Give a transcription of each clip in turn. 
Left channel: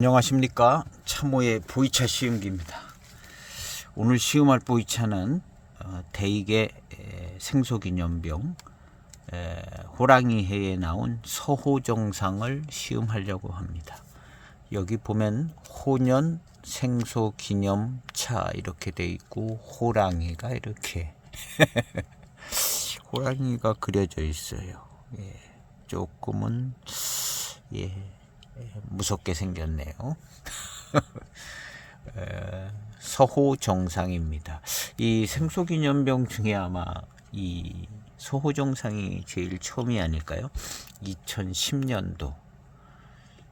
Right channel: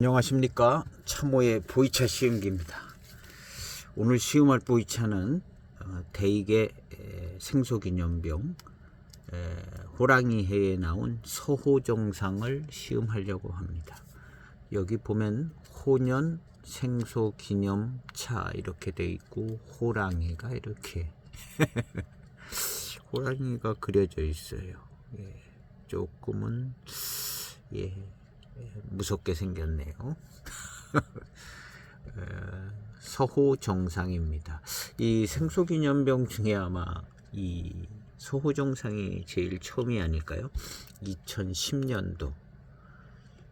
안녕하십니까. 참호의 보이차 시음기입니다. 오늘 시음할 보이차는 대익의 생소기념병 호랑이해에 나온 서호정상을 시음하려고 합니다. 여기 보면 호년 생소기념차 이렇게 돼 있고 호랑이가 이렇게 호랑이가 그려져 있어요. 조금은 무섭게 생겼네요. 서호정상입니다. 이 생소기념병 중에 아마 이 서호정상이 제일 처음이 아닐까요? 2010년도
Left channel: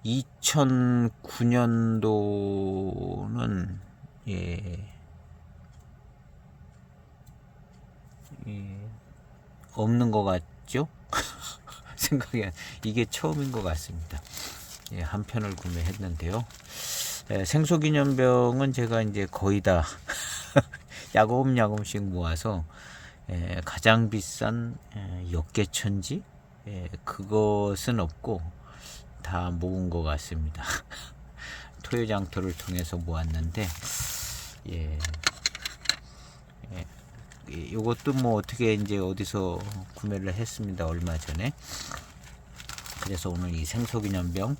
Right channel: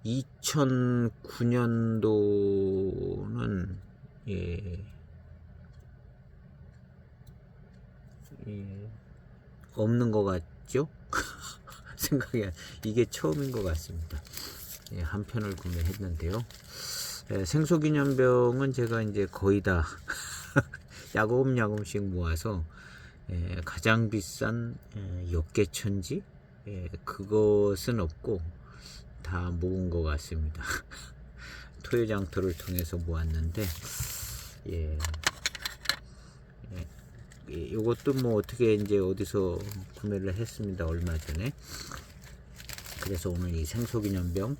2009년도는 없는 것 같죠? 생각이 이게 처음인 것 같습니다. 한 편을 구매했는데요. 생소기념병은 제가 이제 거의 다 야금야금씩 모아서 가장 비싼 역계천지 그것은 없고 다 모은 것 같습니다. 토요장터를 통해서 모았는데 이것도 뭐 어떻게 이제 어디서 구매를 했습니다. 얼마 전에. 그래서 오늘 이 생소기념병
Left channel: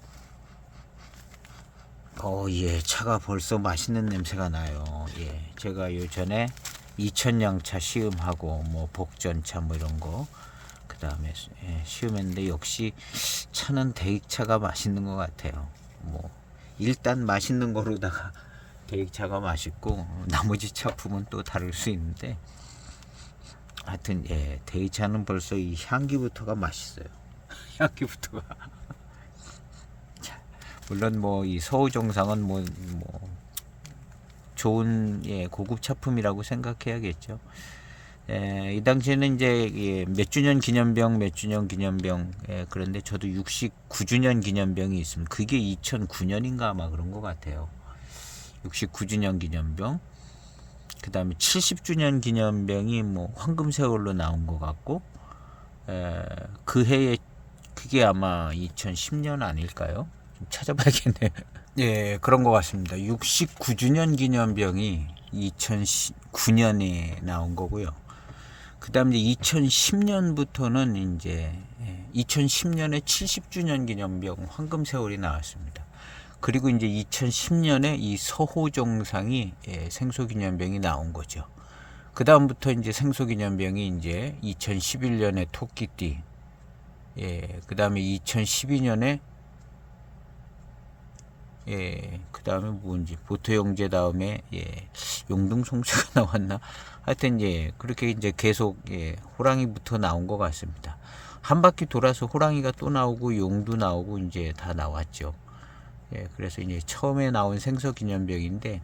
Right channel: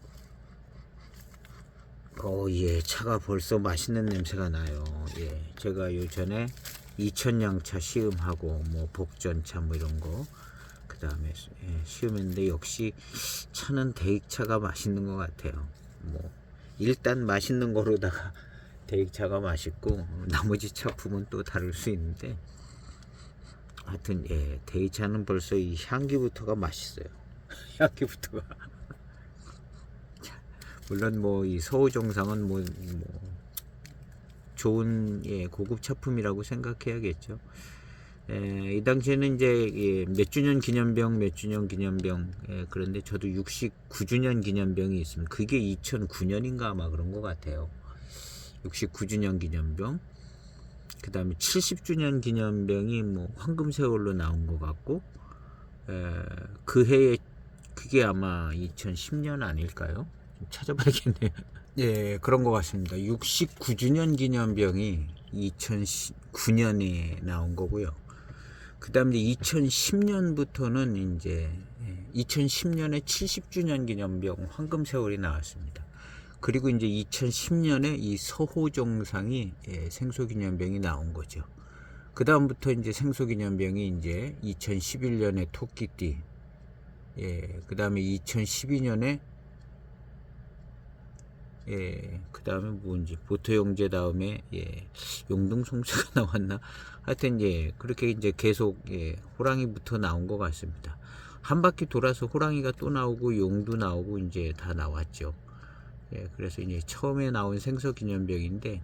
차가 벌써 맛있는 냄새가 나요. 제가 요 전에 이천양차 시음하고 뭐 복전차 뭐 이런 거 그 다음에 시음했는데 역시 차는 대익차가 맛있는 것 같아요. 뭐 일단 맛있는 거로다가 대익차가 맛있고 나머지 차품은 또 다를 수 있는데 하여튼 대익차는 벌써 이 향기부터가 맛있어요. 향기부터가 물론 뭐 이 서호정상은 뭐 좋은 고급 차품이라고 생각해야겠죠. 이 당시에는 이제 몇 주년 기념병 그런데 저도 69주년 기념병이 있습니다. 그게 2009년인가 아마 그런 것 같아요. 69주년 기념병. 그 다음에 70주년 기념병이 뭐 황금세월로 나온 것 같고 그 해에 그게 아마 2010년 아닐까요? 찾아봐야겠네요. 그런 것 같습니다. 69주년 기념병이 2009년에 나온 거고요. 그 다음에 2010년부터는 이제 2010년에 70주년 기념병 황금세월이 나왔습니다. 그리고 이제 2010년에 이 서호정상이 생소기념병이 나온 거죠. 그 다음부터 이제 생소기념병이 이제 2011년에 토끼띠, 그 다음에 2012년에 그 다음에 뭔지 보토영재 다음에 용등송수가 나왔나? 하여튼 그렇게 이제 계속 호랑이부터 나온 것 같습니다. 한 바퀴 돌아서 호랑이가 또 나오고 용도 나오고 이제 다 나왔죠. 그래서 이제 처음에 나온 생소기념병인데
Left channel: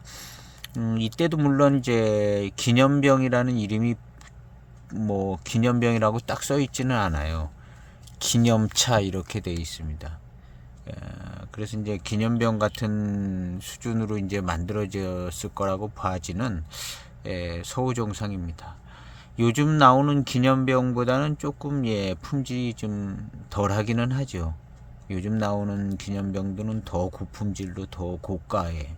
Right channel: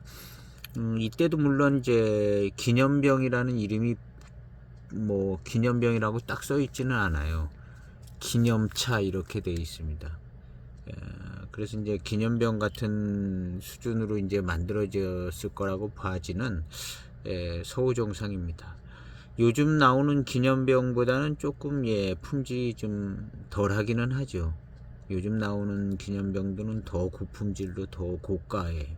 이때도 물론 이제 기념병이라는 이름이 뭐 기념병이라고 딱 써 있지는 않아요. 기념차 이렇게 되어 있습니다. 그래서 이제 기념병 같은 수준으로 이제 만들어졌을 거라고 봐지는 서호정상입니다. 요즘 나오는 기념병보다는 조금 품질이 좀 덜하기는 하죠. 요즘 나오는 기념병들은 더 고품질로 더 고가에,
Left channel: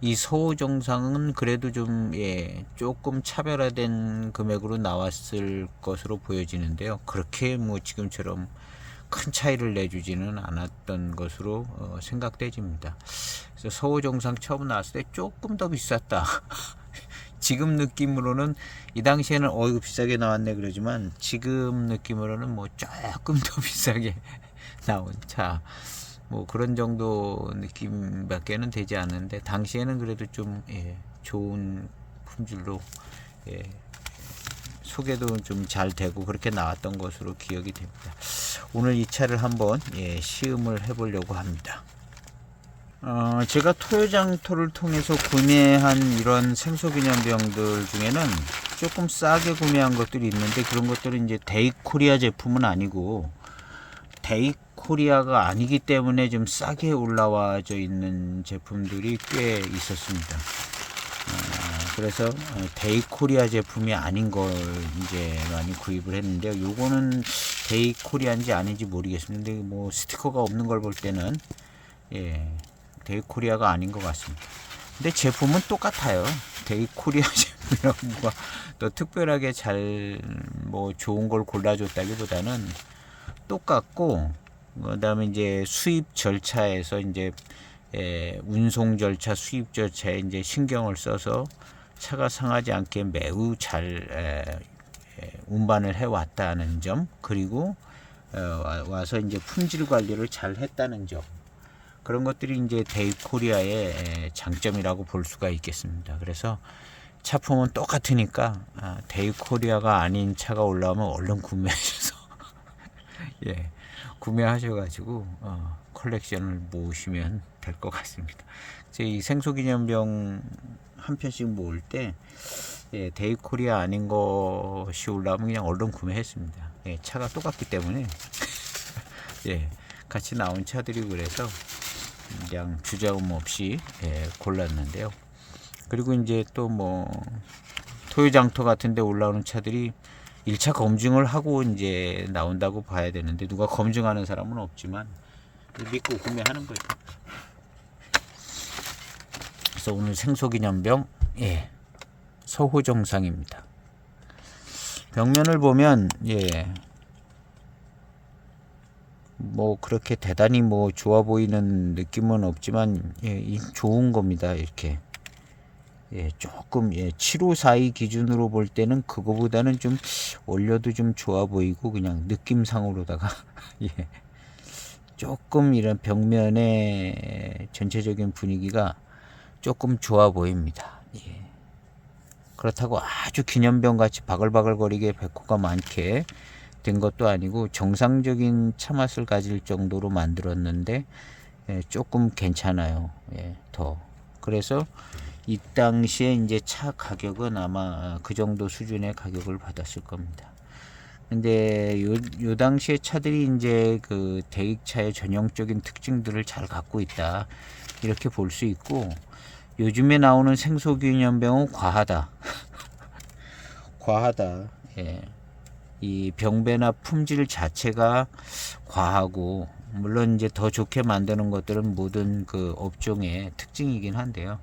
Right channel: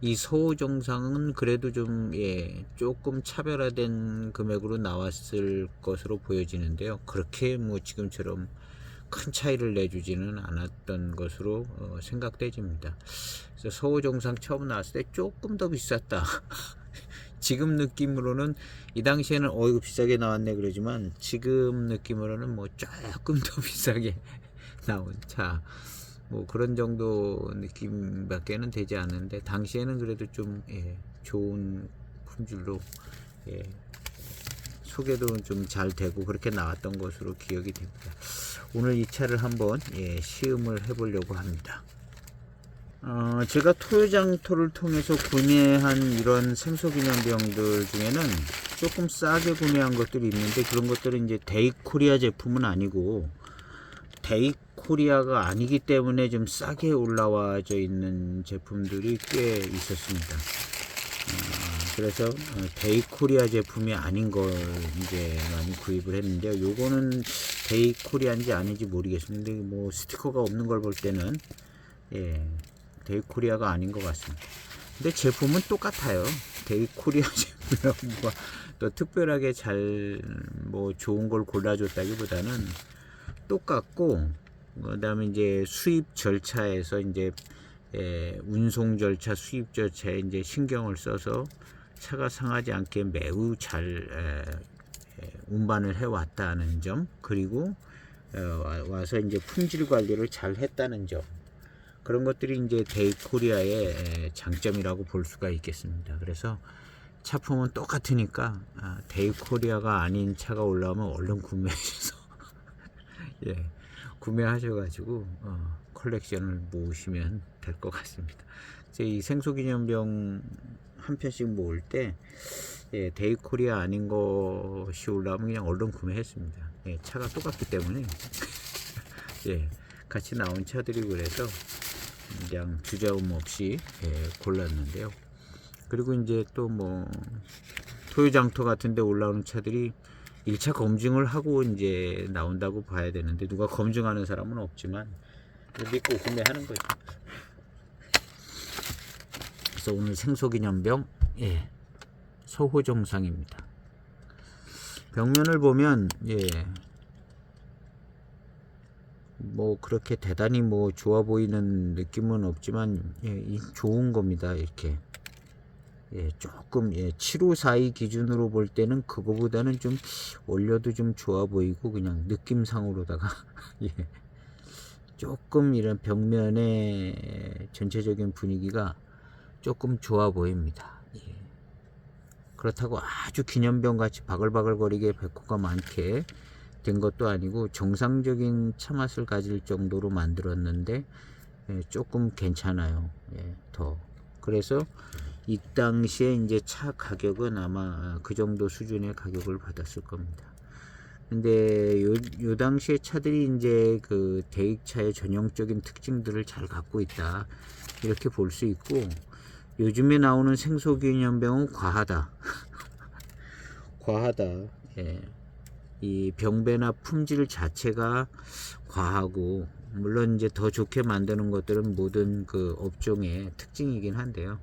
이 서호정상은 그래도 좀 조금 차별화된 금액으로 나왔을 것으로 보여지는데요. 그렇게 뭐 지금처럼 큰 차이를 내주지는 않았던 것으로 생각되집니다. 그래서 서호정상 처음 나왔을 때 조금 더 비쌌다. 지금 느낌으로는 이 당시에는 비싸게 나왔네 그러지만 지금 느낌으로는 뭐 조금 더 비싸게 나온 차, 뭐 그런 정도 느낌밖에는 되지 않는데 당시에는 그래도 좀 좋은 품질로 소개도 좀 잘 되고 그렇게 나왔던 것으로 기억이 됩니다. 오늘 이 차를 한번 시음을 해보려고 합니다. 제가 토요장터를 통해서 구매한 이런 생소기념병들 중에는 조금 싸게 구매한 것들이 있는데 그런 것들은 이제 데이코리아 제품은 아니고 데이코리아가 아니기 때문에 좀 싸게 올라와져 있는 제품들이 꽤 있었습니다. 그래서 데이코리아 제품이 아닌 걸 이제 많이 구입을 했는데요. 요거는 데이코리아인지 아닌지 모르겠습니다. 뭐 스티커가 없는 걸 볼 때는 데이코리아가 아닌 것 같습니다. 근데 제품은 똑같아요. 데이코리아 제품이라고 또 특별하게 잘 뭐 좋은 걸 골라줬다기보다는 똑같고, 그다음에 이제 수입 절차에서 이제 운송 절차, 수입 절차에 이제 신경을 써서 차가 상하지 않게 매우 잘 운반을 해왔다는 점, 그리고 와서 이제 품질 관리를 잘 했다는 점, 그런 것들이 이제 데이코리아의 장점이라고 볼 수가 있겠습니다. 그래서 차품은 똑같으니까 데이코리아가 아닌 차가 올라오면 얼른 구매하셔서 예, 구매하셔가지고 컬렉션을 모으시면 될 것 같습니다. 제 이 생소기념병 한 편씩 모을 때 데이코리아 아닌 것이 올라오면 그냥 얼른 구매했습니다. 차가 똑같기 때문에 같이 나온 차들이 그래서 그냥 주저음 없이 골랐는데요. 그리고 이제 또 뭐 토요장터 같은 데 올라오는 차들이 1차 검증을 하고 이제 나온다고 봐야 되는데, 누가 검증하는 사람은 없지만 믿고 구매하는 거죠. 그래서 오늘 생소기념병 서호정상입니다. 벽면을 보면 뭐 그렇게 대단히 뭐 좋아 보이는 느낌은 없지만 좋은 겁니다. 이렇게 조금 7542 기준으로 볼 때는 그거보다는 좀 올려도 좀 좋아 보이고, 그냥 느낌상으로다가 조금 이런 벽면의 전체적인 분위기가 조금 좋아 보입니다. 그렇다고 아주 기념병 같이 바글바글거리게 백호가 많게 된 것도 아니고 정상적인 차 맛을 가질 정도로 만들었는데 조금 괜찮아요. 더. 그래서 이 당시에 이제 차 가격은 아마 그 정도 수준의 가격을 받았을 겁니다. 근데 요 당시에 차들이 이제 그 대익차의 전형적인 특징들을 잘 갖고 있다, 이렇게 볼 수 있고, 요즘에 나오는 생소기념병은 과하다. 과하다. 이 병배나 품질 자체가 과하고, 물론 이제 더 좋게 만드는 것들은 모든 그 업종의 특징이긴 한데요.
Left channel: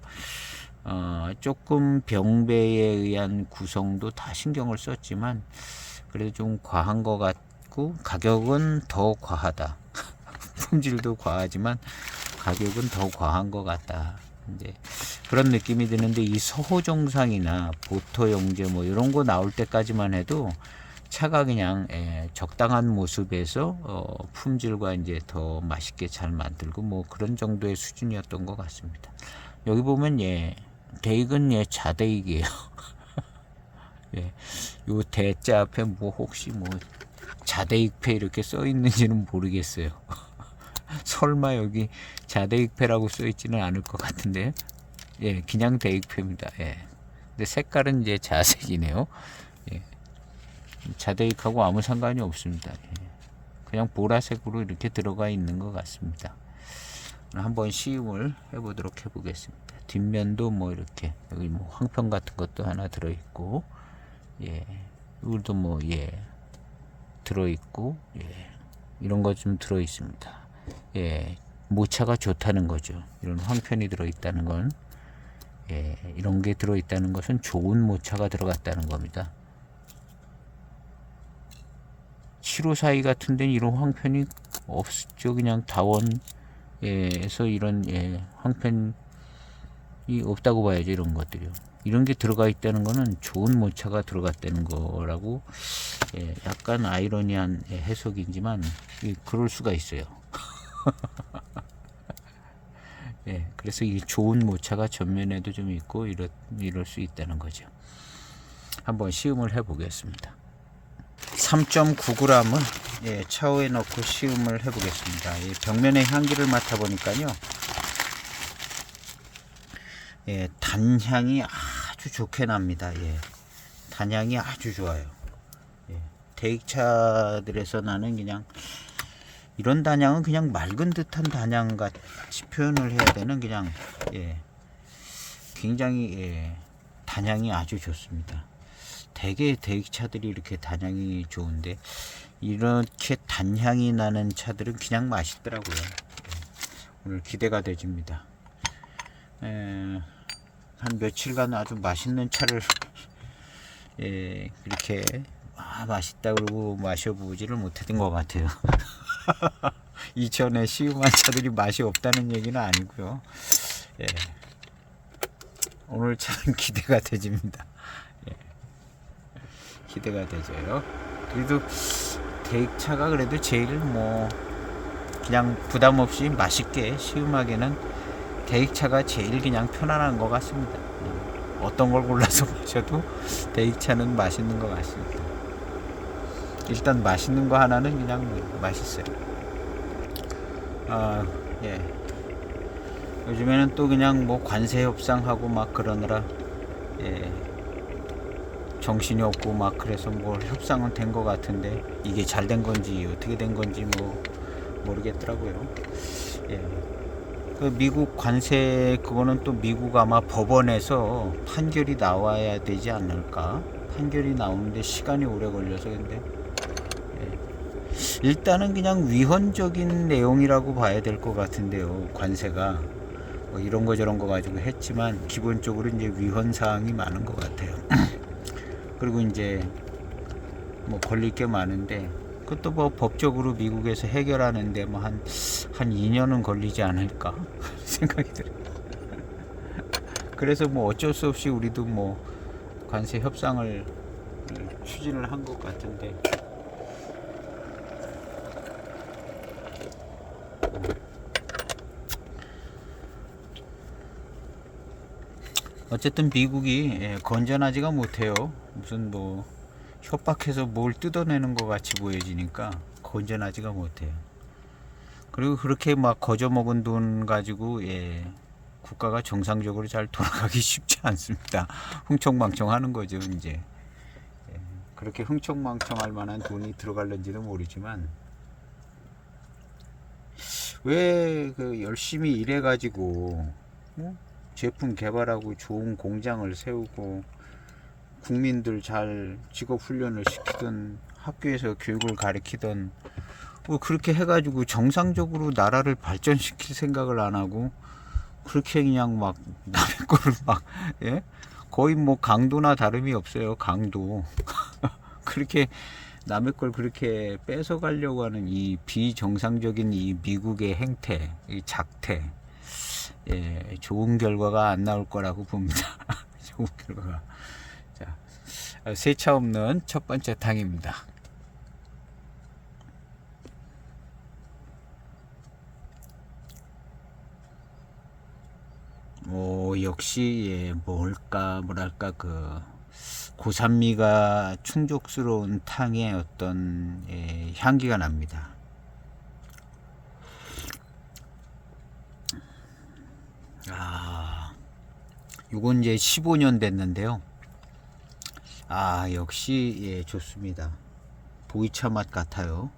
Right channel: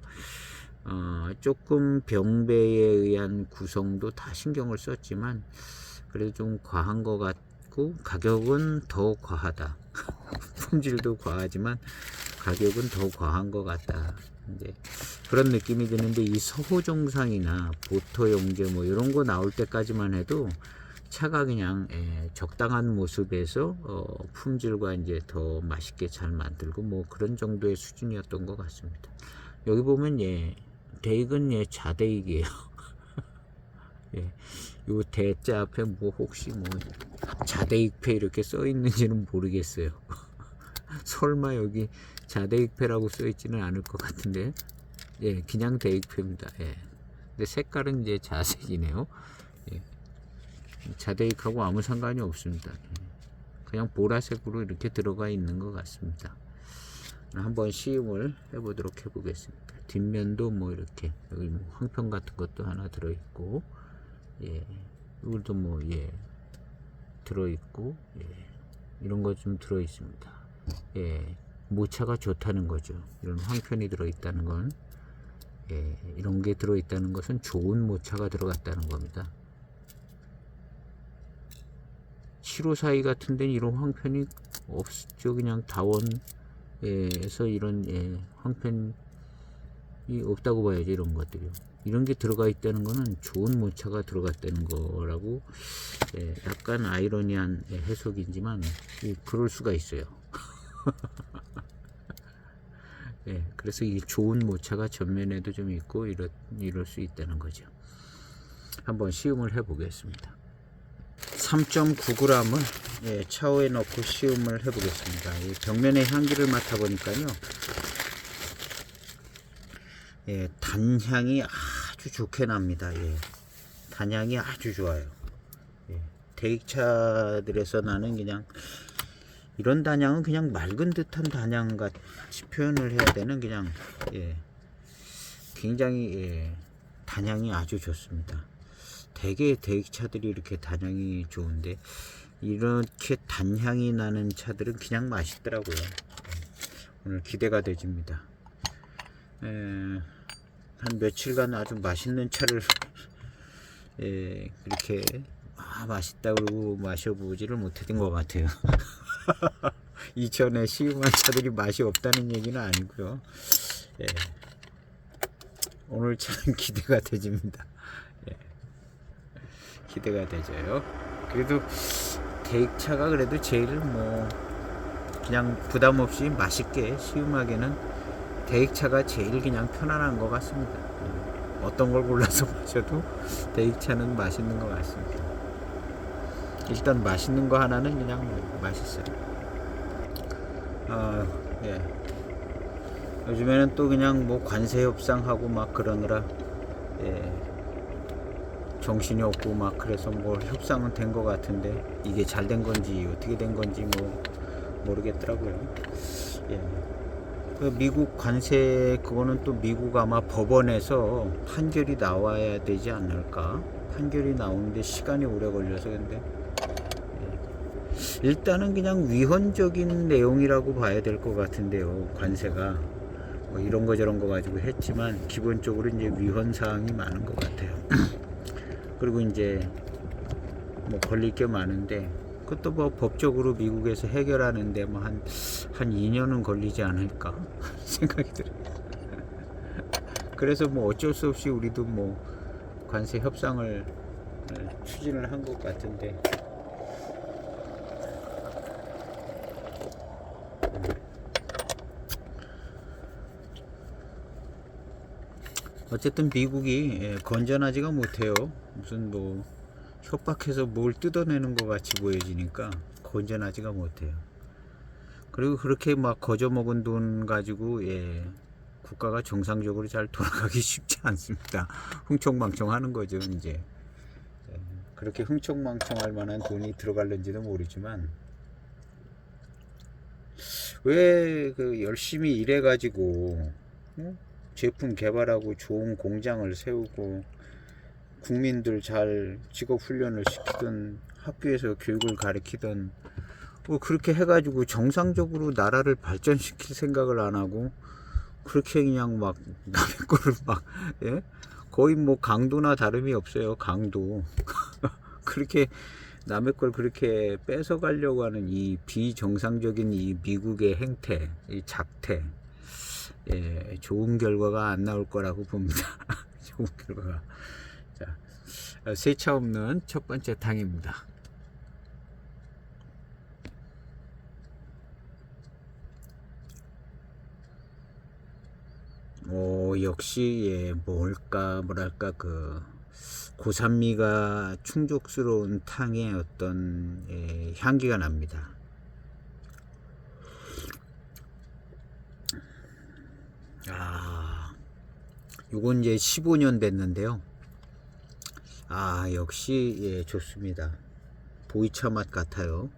조금 병배에 의한 구성도 다 신경을 썼지만 그래도 좀 과한 것 같고, 가격은 더 과하다. 품질도 과하지만 가격은 더 과한 것 같다. 이제 그런 느낌이 드는데, 이 서호정상이나 보토영재 뭐 이런 거 나올 때까지만 해도 차가 그냥 적당한 모습에서 품질과 이제 더 맛있게 잘 만들고 뭐 그런 정도의 수준이었던 것 같습니다. 여기 보면 대익은 자대익이에요. 요 대자 앞에 뭐 혹시 뭐 자대익패 이렇게 써 있는지는 모르겠어요. 설마 여기 자대익패라고 써 있지는 않을 것 같은데, 그냥 대익패입니다. 근데 색깔은 이제 자색이네요. 자대익하고 아무 상관이 없습니다. 그냥 보라색으로 이렇게 들어가 있는 것 같습니다. 한번 시음을 해보도록 해보겠습니다. 뒷면도 뭐 이렇게 여기 뭐 황편 같은 것도 하나 들어있고, 이것도 뭐 들어있고, 이런 것 좀 들어있습니다. 모차가 좋다는 거죠. 이런 황편이 들어있다는 건, 이런 게 들어있다는 것은 좋은 모차가 들어갔다는 겁니다. 7542 같은 데는 이런 황편이 없죠. 그냥 다원에서 이런 황편이 없다고 봐야죠. 이런 것들이요. 이런 게 들어가 있다는 거는 좋은 모차가 들어갔다는 거라고 약간 아이러니한 해석이지만 그럴 수가 있어요. 그래서 이 좋은 모차가 전면에도 좀 있고 이럴 수 있다는 거죠. 한번 시음을 해 보겠습니다. 3.9g은 차후에 넣고 시음을 해 보겠습니다. 벽면의 향기를 맡아 보니까요, 단향이 아주 좋게 납니다. 단향이 아주 좋아요. 대익차들에서 나는 그냥 이런 단향은 그냥 맑은 듯한 단향 같이 표현을 해야 되는, 그냥 굉장히 단향이 아주 좋습니다. 대개 대익차들이 이렇게 단향이 좋은데 이렇게 단향이 나는 차들은 그냥 맛있더라고요. 오늘 기대가 되집니다. 한 며칠간 아주 맛있는 차를 그렇게 맛있다 그러고 마셔보지를 못했던 것 같아요. 이전에 시음한 차들이 맛이 없다는 얘기는 아니고요. 오늘 차는 기대가 되집니다. 기대가 되죠. 그래도 대익차가 그래도 제일 뭐 그냥 부담 없이 맛있게 시음하기는 대익차가 제일 그냥 편안한 것 같습니다. 어떤 걸 골라서 마셔도 대익차는 맛있는 것 같습니다. 일단 맛있는 거 하나는 그냥 맛있어요. 요즘에는 또 그냥 뭐 관세 협상하고 막 그러느라 정신이 없고 막 그래서 뭐 협상은 된 것 같은데 이게 잘 된 건지 어떻게 된 건지 뭐 모르겠더라고요. 그 미국 관세 그거는 또 미국 아마 법원에서 판결이 나와야 되지 않을까? 판결이 나오는데 시간이 오래 걸려서 근데 일단은 그냥 위헌적인 내용이라고 봐야 될 것 같은데요. 관세가 뭐 이런 거 저런 거 가지고 했지만 기본적으로 이제 위헌 사항이 많은 것 같아요. 그리고 이제 뭐 걸릴 게 많은데 그것도 뭐 법적으로 미국에서 해결하는데 뭐 한 2년은 걸리지 않을까 생각이 들어요. 그래서 뭐 어쩔 수 없이 우리도 뭐 관세 협상을 추진을 한 것 같은데 어쨌든 미국이 건전하지가 못해요. 무슨 뭐 협박해서 뭘 뜯어내는 것 같이 보여지니까 건전하지가 못해요. 그리고 그렇게 막 거저먹은 돈 가지고 국가가 정상적으로 잘 돌아가기 쉽지 않습니다. 흥청망청하는 거죠 이제. 그렇게 흥청망청할 만한 돈이 들어갈는지는 모르지만 왜 그 열심히 일해가지고 제품 개발하고 좋은 공장을 세우고 국민들 잘 직업 훈련을 시키던 학교에서 교육을 가르치던 뭐 그렇게 해가지고 정상적으로 나라를 발전시킬 생각을 안 하고 그렇게 그냥 막 남의 거를 막 거의 뭐 강도나 다름이 없어요. 강도 그렇게 남의 걸 그렇게 뺏어 가려고 하는 이 비정상적인 이 미국의 행태, 이 작태 좋은 결과가 안 나올 거라고 봅니다. 좋은 결과가. 자, 세차 없는 첫 번째 탕입니다. 역시 뭐랄까 그 고산미가 충족스러운 탕의 어떤 향기가 납니다. 요건 이제 15년 됐는데요. 역시 좋습니다. 보이차 맛 같아요.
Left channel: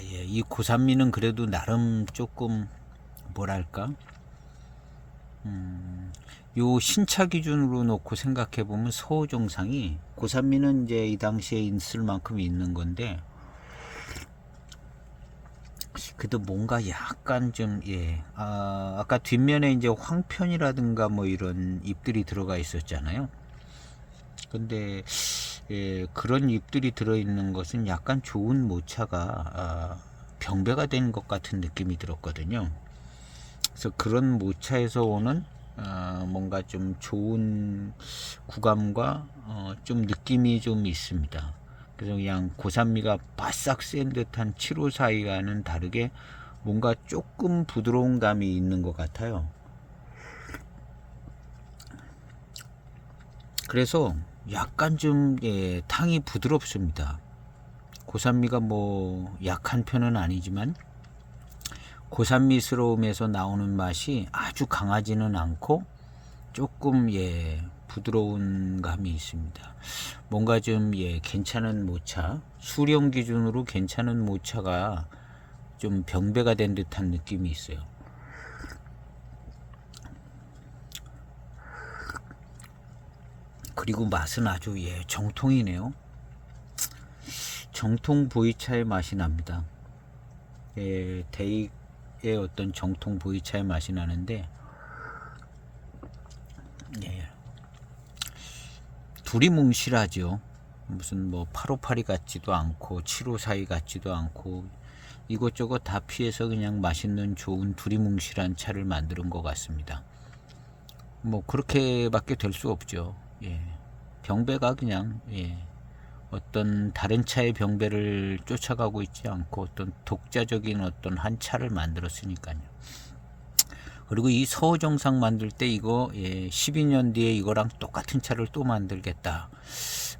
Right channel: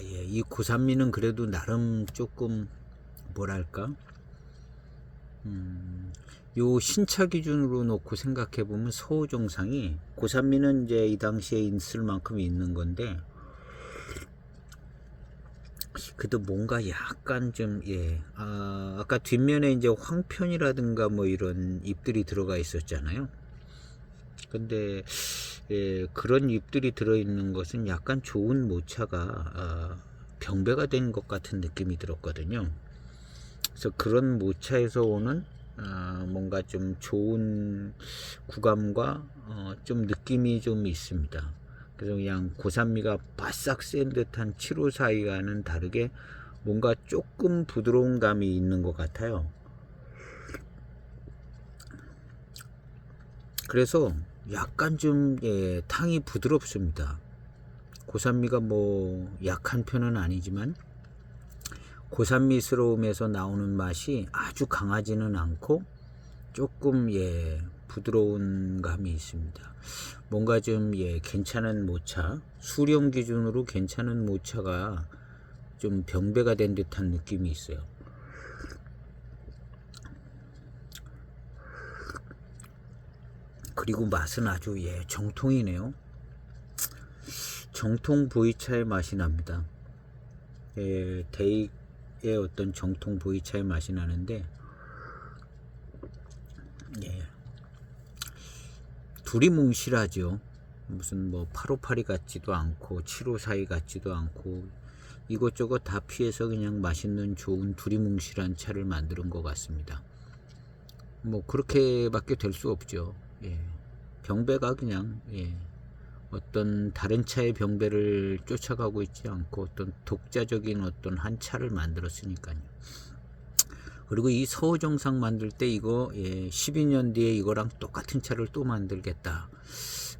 이 고산미는 그래도 나름 조금 뭐랄까 요 신차 기준으로 놓고 생각해 보면 서우정상이 고산미는 이제 이 당시에 있을 만큼 있는 건데 그래도 뭔가 약간 좀 아까 뒷면에 이제 황편이라든가 뭐 이런 잎들이 들어가 있었잖아요. 근데 그런 잎들이 들어있는 것은 약간 좋은 모차가 병배가 된 것 같은 느낌이 들었거든요. 그래서 그런 모차에서 오는 뭔가 좀 좋은 구감과 좀 느낌이 좀 있습니다. 그래서 그냥 고산미가 바싹 센 듯한 754와는 다르게 뭔가 조금 부드러운 감이 있는 것 같아요. 그래서 약간 좀 탕이 부드럽습니다. 고산미가 뭐 약한 편은 아니지만 고산미스러움에서 나오는 맛이 아주 강하지는 않고 조금 부드러운 감이 있습니다. 뭔가 좀 괜찮은 모차, 수령 기준으로 괜찮은 모차가 좀 병배가 된 듯한 느낌이 있어요. 그리고 맛은 아주 정통이네요. 정통 보이차의 맛이 납니다. 대익의 어떤 정통 보이차의 맛이 나는데, 예, 둘이 뭉실하죠. 무슨 뭐 858이 같지도 않고 754이 같지도 않고 이것저것 다 피해서 그냥 맛있는 좋은 두리뭉실한 차를 만드는 것 같습니다. 뭐 그렇게밖에 될 수 없죠. 예. 병배가 그냥 어떤 다른 차의 병배를 쫓아가고 있지 않고 어떤 독자적인 어떤 한 차를 만들었으니까요. 그리고 이 서호정상 만들 때 이거 12년 뒤에 이거랑 똑같은 차를 또 만들겠다,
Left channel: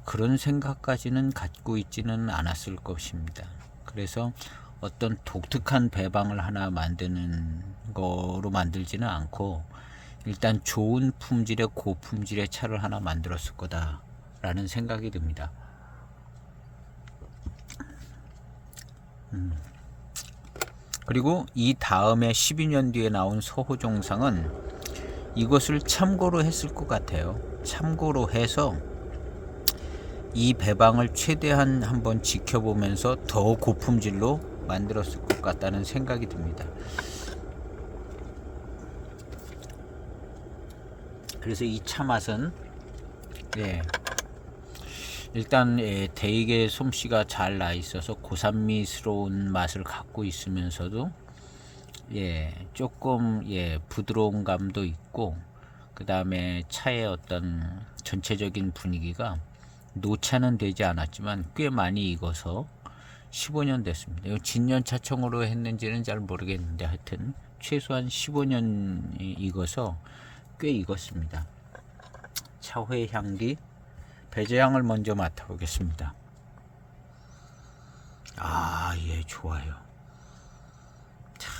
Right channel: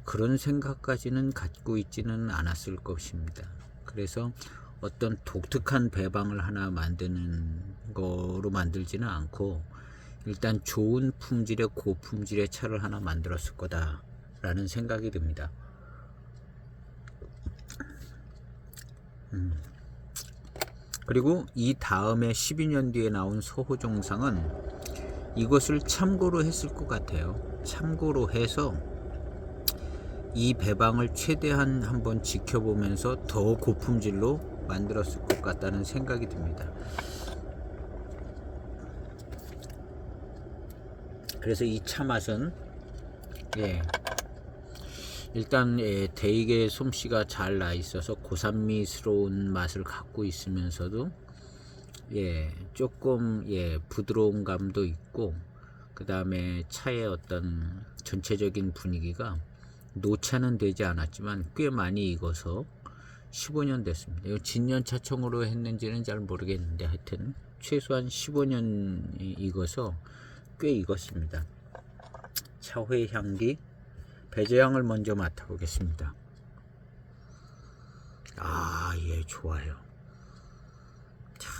그런 생각까지는 갖고 있지는 않았을 것입니다. 그래서 어떤 독특한 배방을 하나 만드는 거로 만들지는 않고 일단 좋은 품질의 고품질의 차를 하나 만들었을 거다 라는 생각이 듭니다. 그리고 이 다음에 12년 뒤에 나온 서호정상은 이것을 참고로 했을 것 같아요. 참고로 해서 이 배방을 최대한 한번 지켜보면서 더 고품질로 만들었을 것 같다는 생각이 듭니다. 그래서 이 차 맛은 일단 대익의 솜씨가 잘 나 있어서 고산미스러운 맛을 갖고 있으면서도 조금 부드러운 감도 있고, 그 다음에 차의 어떤 전체적인 분위기가 노차는 되지 않았지만 꽤 많이 익어서 15년 됐습니다. 이거 진년 차청으로 했는지는 잘 모르겠는데 하여튼 최소한 15년 익어서 꽤 익었습니다. 차회 향기, 배저향을 먼저 맡아보겠습니다. 좋아요. 자,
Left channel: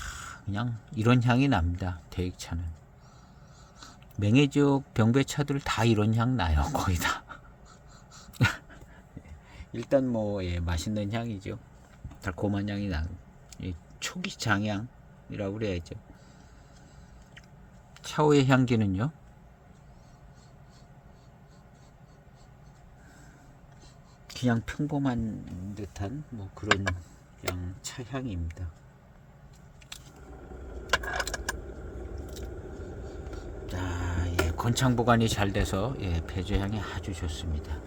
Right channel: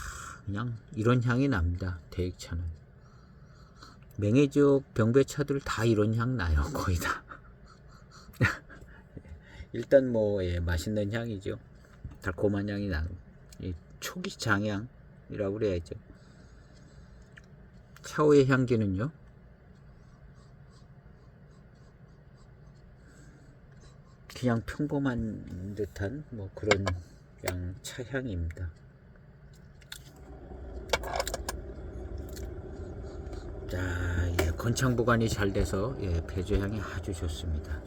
그냥 이런 향이 납니다. 대익차는. 맹해지역 병배차들 다 이런 향 나요. 거의 다. 일단 뭐 맛있는 향이죠. 달콤한 향이 나. 초기 장향이라고 그래야죠. 차후의 향기는요, 그냥 평범한 듯한 뭐 그런 그냥 차향입니다. 자, 건창 보관이 잘 돼서 배저향이 아주 좋습니다.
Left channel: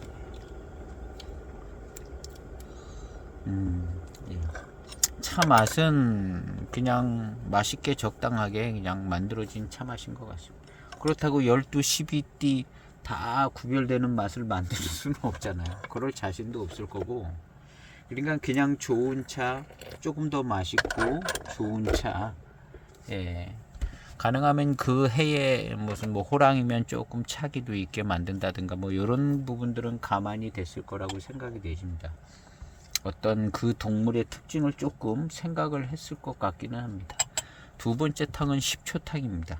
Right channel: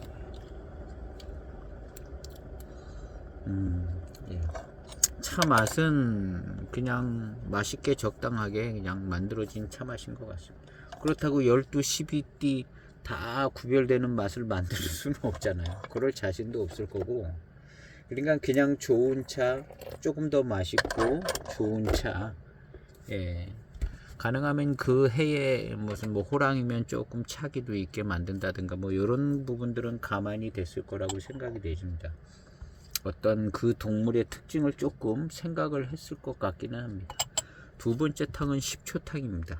차 맛은 그냥 맛있게 적당하게 그냥 만들어진 차 맛인 것 같습니다. 그렇다고 12, 12띠 다 구별되는 맛을 만들 수는 없잖아요. 그럴 자신도 없을 거고, 그러니까 그냥 좋은 차, 조금 더 맛있고 좋은 차, 가능하면 그 해에 무슨 뭐 호랑이면 조금 차기도 있게 만든다든가 뭐 이런 부분들은 가만히 됐을 거라고 생각이 되십니다. 어떤 그 동물의 특징을 조금 생각을 했을 것 같기는 합니다. 두 번째 탕은 10초 탕입니다.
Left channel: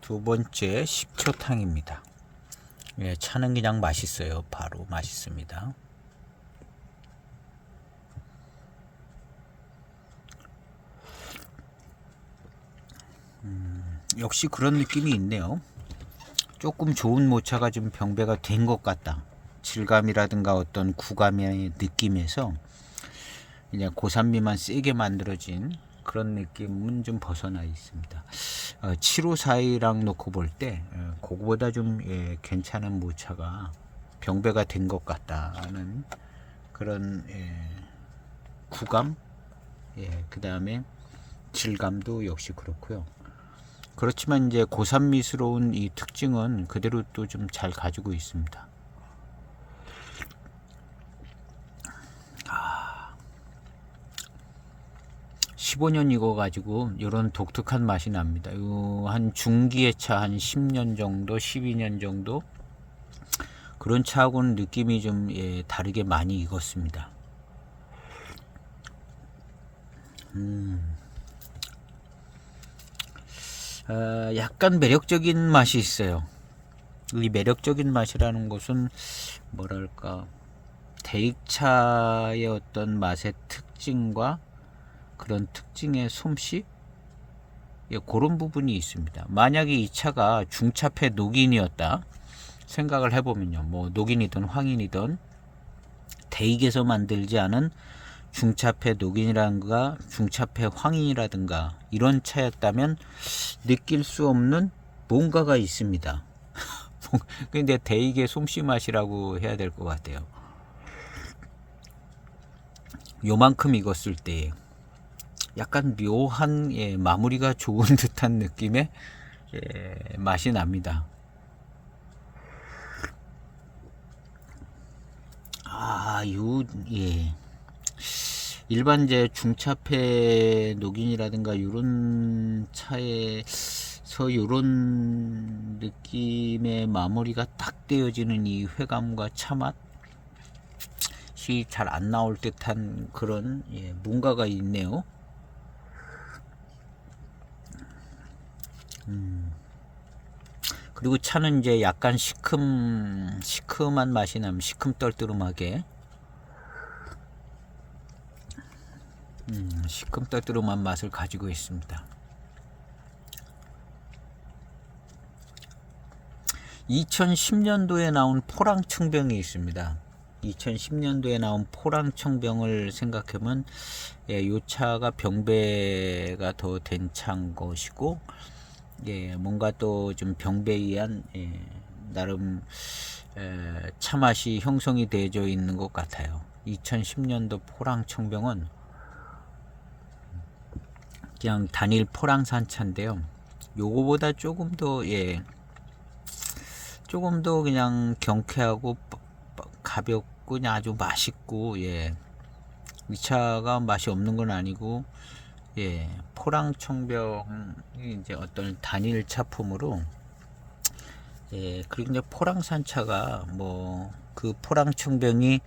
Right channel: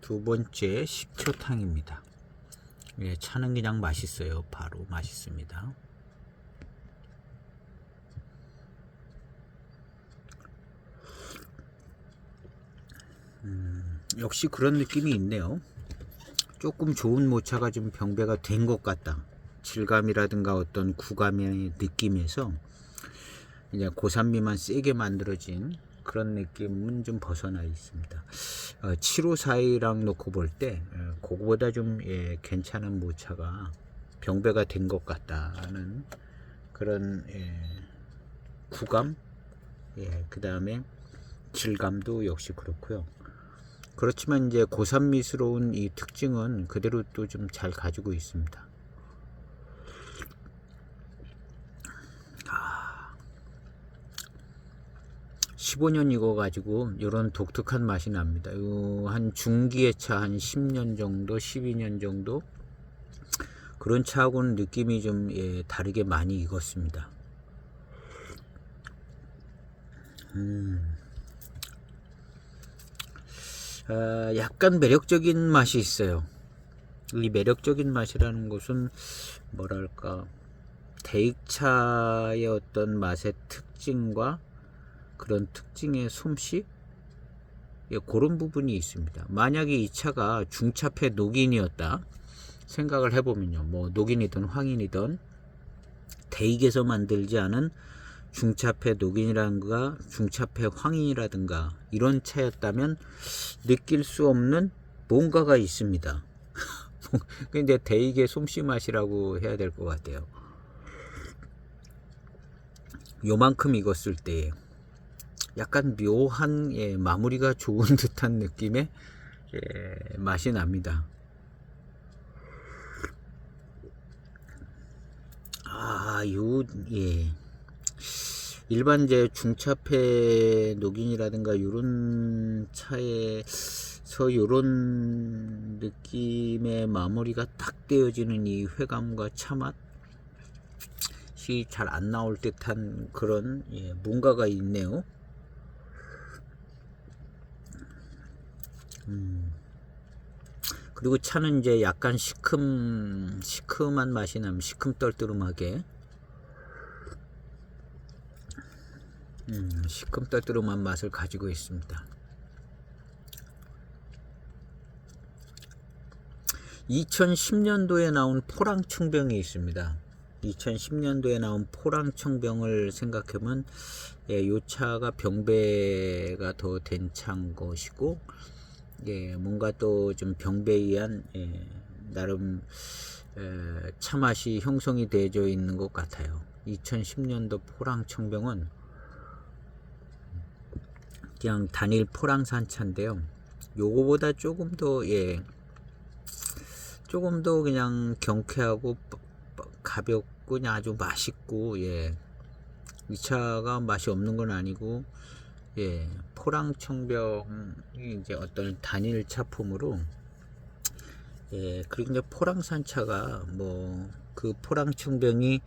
두 번째 10초 탕입니다. 차는 그냥 맛있어요. 바로 맛있습니다. 역시 그런 느낌이 있네요. 조금 좋은 모차가 좀 병배가 된 것 같다. 질감이라든가 어떤 구감의 느낌에서 이제 고산미만 세게 만들어진 그런 느낌은 좀 벗어나 있습니다. 7542랑 놓고 볼 때 그거보다 좀 괜찮은 모차가 병배가 된 것 같다는 그런 구감, 그 다음에 질감도 역시 그렇고요. 그렇지만 이제 고산미스러운 이 특징은 그대로 또 좀 잘 가지고 있습니다. 15년 익어가지고 이런 독특한 맛이 납니다. 한 중기의 차 한 10년 정도, 12년 정도 그런 차하고는 느낌이 좀 다르게 많이 익었습니다. 약간 매력적인 맛이 있어요. 이 매력적인 맛이라는 것은 뭐랄까, 대익차의 어떤 맛의 특징과 그런 특징의 솜씨, 예, 그런 부분이 있습니다. 만약에 이 차가 중차폐 녹인이었다 생각을 해보면요, 뭐 녹인이든 황인이든 대익에서 만들지 않은 중차폐 녹인이라든가 중차폐 황인이라든가 이런 차였다면 느낄 수 없는 뭔가가 있습니다. 근데 대익의 솜씨 맛이라고 해야 될 것 같아요. 요만큼 익었을 때 약간 묘한, 예, 마무리가 좋은 듯한 느낌의, 예, 맛이 납니다. 예. 일반 이제 중차폐 녹인이라든가 이런 차에서 이런 느낌의 마무리가 딱 되어지는 이 회감과 차맛이 잘 안 나올 듯한 그런, 예, 뭔가가 있네요. 그리고 차는 이제 약간 시큼한 맛이 나면 시큼떨뜨름하게, 시큼떨뜨름한 맛을 가지고 있습니다. 2010년도에 나온 포랑청병이 있습니다. 2010년도에 나온 포랑청병을 생각하면, 예, 요 차가 병배가 더 된 차인 것이고, 예, 뭔가 또 좀 병배에 의한, 예, 나름 차 맛이 형성이 되어 있는 것 같아요. 2010년도 포랑청병은 그냥 단일 포랑산 차인데요. 요거보다 조금 더, 예, 조금 더 그냥 경쾌하고 가볍고 그냥 아주 맛있고, 예, 이 차가 맛이 없는 건 아니고, 예, 포랑청병이 이제 어떤 단일 차품으로, 예, 그리고 이제 포랑산차가 뭐 그 포랑청병이,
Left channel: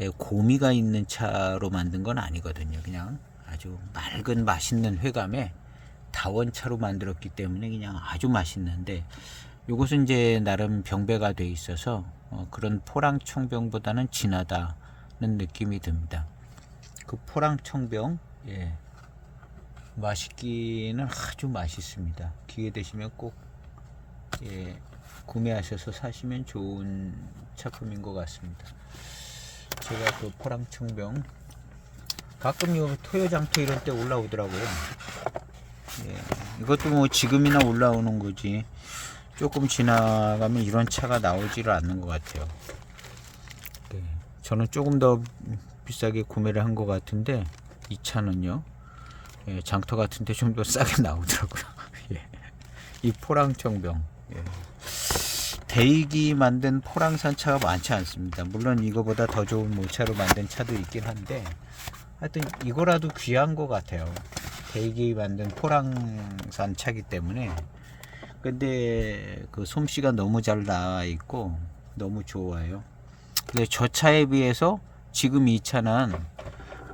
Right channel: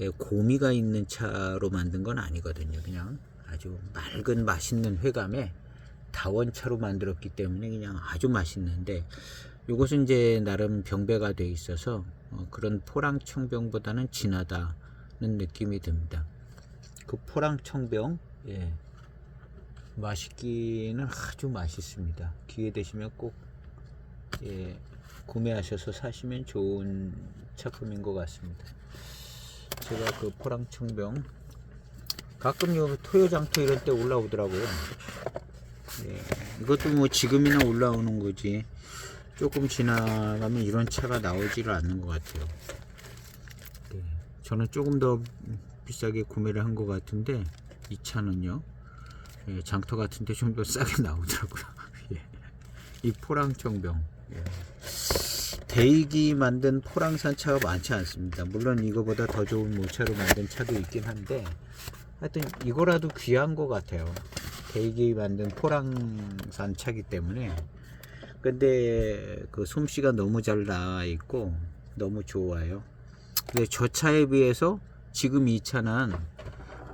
예, 고미가 있는 차로 만든 건 아니거든요. 그냥 아주 맑은 맛있는 회감에 다원차로 만들었기 때문에 그냥 아주 맛있는데, 요것은 이제 나름 병배가 돼 있어서 그런 포랑청병보다는 진하다는 느낌이 듭니다. 그 포랑청병, 예, 맛있기는 아주 맛있습니다. 기회 되시면 꼭, 예, 구매하셔서 사시면 좋은 차품인 것 같습니다. 제가 그 포랑청병 가끔 요 토요장터 이럴 때 올라오더라고요. 예, 이것도 뭐 지금이나 올라오는 거지 조금 지나가면 이런 차가 나오지를 않는 것 같아요. 예, 저는 조금 더 비싸게 구매를 한 것 같은데 이 차는요, 예, 장터 같은데 좀 더 싸게 나오더라고요. 예, 이 포랑청병, 예. 대익이 만든 포랑산 차가 많지 않습니다. 물론 이거보다 더 좋은 모차로 만든 차도 있긴 한데 하여튼 이거라도 귀한 것 같아요. 대익이 만든 포랑산 차기 때문에. 근데 그 솜씨가 너무 잘 나와 있고 너무 좋아요. 저 차에 비해서 지금 이 차는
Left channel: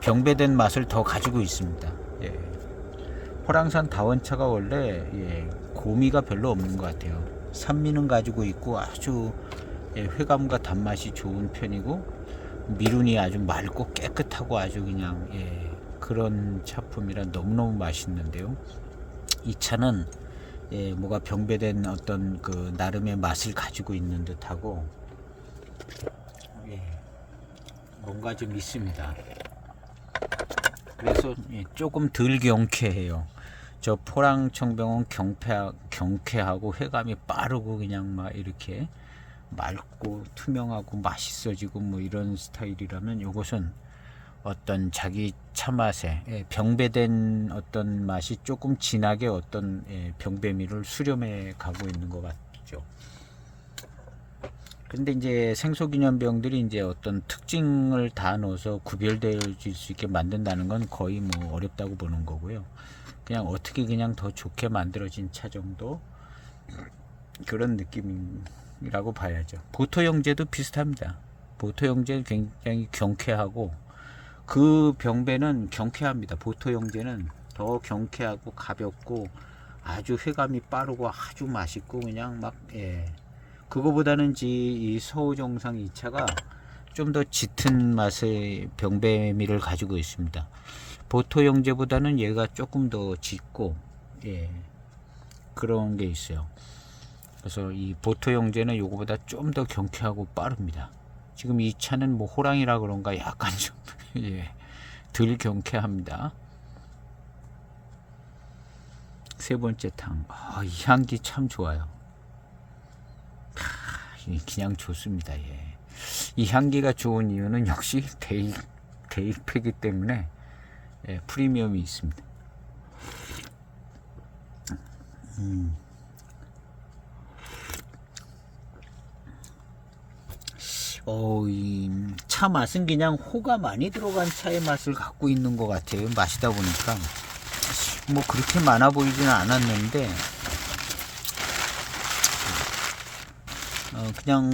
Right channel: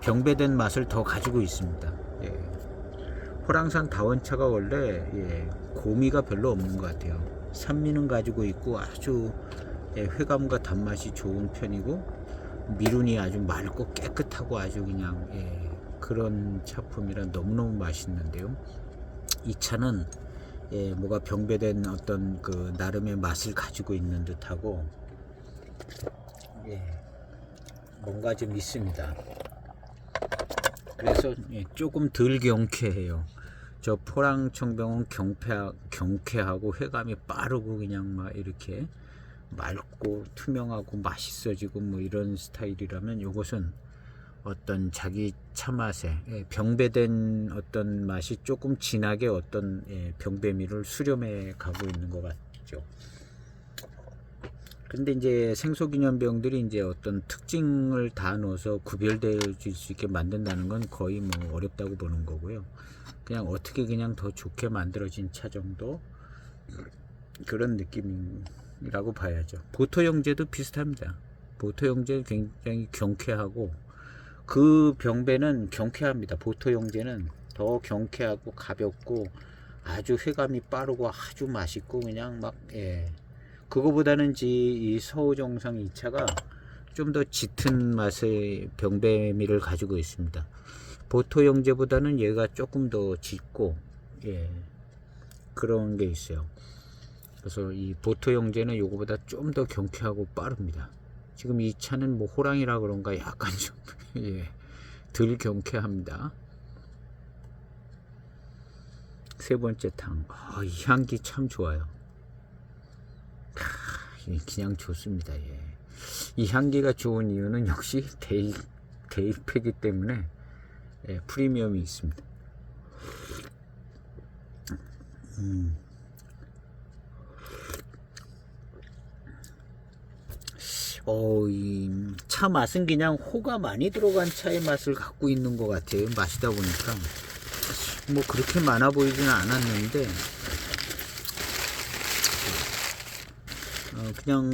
병배된 맛을 더 가지고 있습니다. 예. 포랑산 다원차가 원래, 예, 고미가 별로 없는 것 같아요. 산미는 가지고 있고 아주, 예, 회감과 단맛이 좋은 편이고 미륜이 아주 맑고 깨끗하고 아주 그냥, 예, 그런 차품이라 너무너무 맛있는데요. 이 차는, 예, 뭐가 병배된 어떤 그 나름의 맛을 가지고 있는 듯하고, 예, 뭔가 좀 있습니다. 그래서, 예, 조금 덜 경쾌해요. 저 포랑청병은 경쾌하고 회감이 빠르고 그냥 막 이렇게 맑고 투명하고 맛있어지고 뭐 이런 스타일이라면, 요것은 어떤 자기 차 맛에, 예, 병배된 어떤 맛이 조금 진하게 어떤, 예, 병배미를 수렴해 가고 있는 것 같죠. 근데 이제 생소기념병들이 이제 어떤 특징을 다 넣어서 구별되어질 수 있게 만든다는 건 거의 뭐 어렵다고 보는 거고요. 그냥 어떻게 그냥 더 좋게 만들어진 차 정도, 그런 느낌이라고 봐야죠. 보토 형제도 비슷합니다. 보토 형제는 굉장히 경쾌하고 그 병배는 경쾌합니다. 보토 형제는 더 경쾌하고 가볍고 아주 회감이 빠르고 아주 맛있고 그냥 막 그거보다는 이 서우정상 2차가 좀 더 짙은 맛의 병배미를 가지고 있습니다. 보토 영재보다는 얘가 조금 더 짙고 그런 게 있어요. 그래서 이 보토 영재는 요거보다 좀 더 경쾌하고 빠릅니다. 지금 이 차는 뭐 호랑이라 그런가 약간 좀 덜 경쾌합니다. 세 번째 탕. 이 향기 참 좋아요. 그냥 좋습니다. 이 향기가 좋은 이유는 역시 대입이기 때문에 프리미엄이 있습니다. 이 차 맛은 그냥 호가 많이 들어간 차의 맛을 갖고 있는 것 같아요. 마시다 보니까 뭐 그렇게 많아 보이지는 않았는데 그냥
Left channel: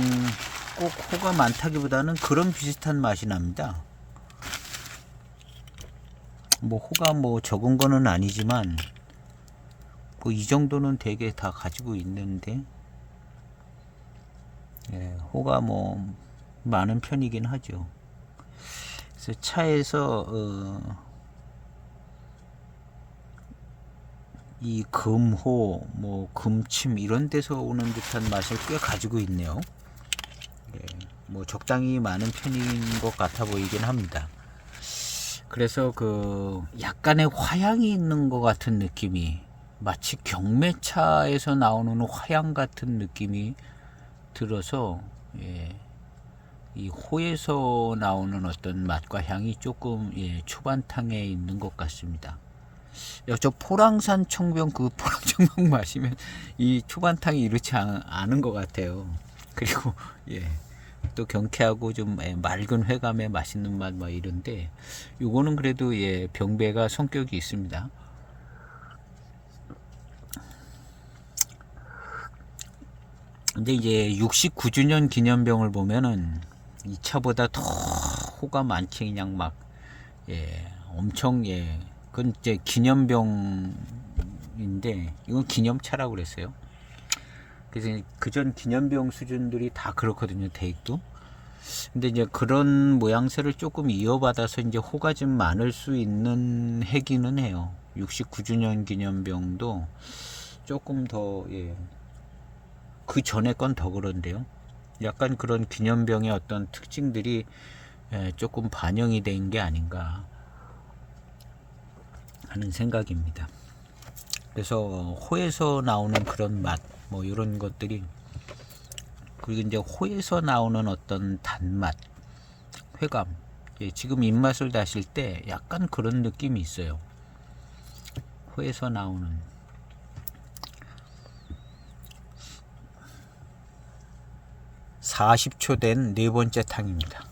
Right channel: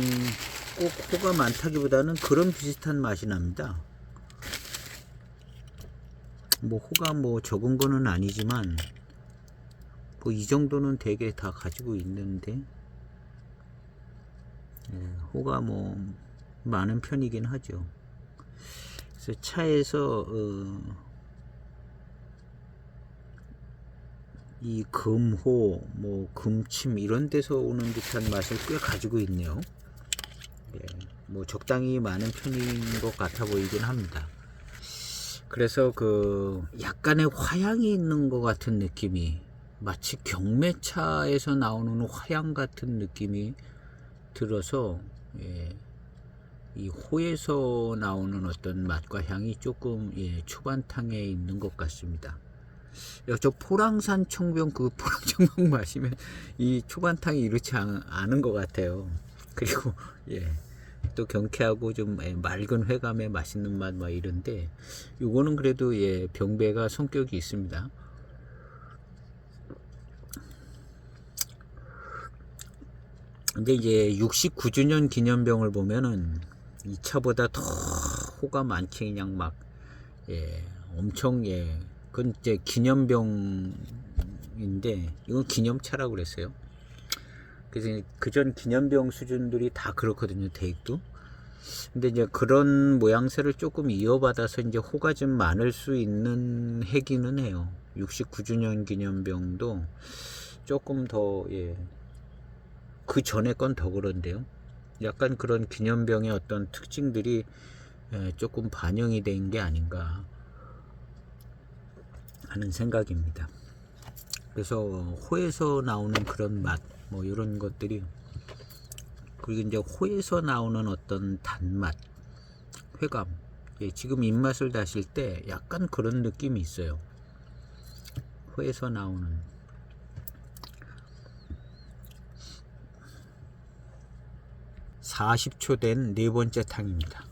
꼭 호가 많다기보다는 그런 비슷한 맛이 납니다. 뭐 호가 뭐 적은 거는 아니지만 뭐 이 정도는 되게 다 가지고 있는데 호가 뭐 많은 편이긴 하죠. 그래서 차에서 이 금호, 뭐 금침 이런 데서 오는 듯한 맛을 꽤 가지고 있네요. 뭐 적당히 많은 편인 것 같아 보이긴 합니다. 그래서 그 약간의 화향이 있는 것 같은 느낌이, 마치 경매차에서 나오는 화향 같은 느낌이 들어서 이 호에서 나오는 어떤 맛과 향이 조금 초반탕에 있는 것 같습니다. 저 포랑산 청병, 그 포랑 청병 마시면 이 초반탕이 이렇지 않은 것 같아요. 그리고 또 경쾌하고 좀 맑은 회감의 맛있는 맛 뭐 이런데, 요거는 그래도 병배가 성격이 있습니다. 근데 이제 69주년 기념병을 보면은 이 차보다 더 호가 많지, 그냥 막 엄청 그건 이제 기념병인데 이건 기념차라고 그랬어요. 그래서 그전 기념병 수준들이 다 그렇거든요, 대익도. 근데 이제 그런 모양새를 조금 이어받아서 이제 호가 좀 많을 수 있는 해기는 해요. 69주년 기념병도 조금 더 그 전에 건 더 그런데요. 약간 그런 기념병의 어떤 특징들이 조금 반영이 된 게 아닌가 하는 생각입니다. 그래서 호에서 나오는 그런 맛, 뭐 이런 것들이, 그리고 이제 호에서 나오는 어떤 단맛, 회감, 지금 입맛을 다실 때 약간 그런 느낌이 있어요. 호에서 나오는 40초 된 네 번째 탕입니다.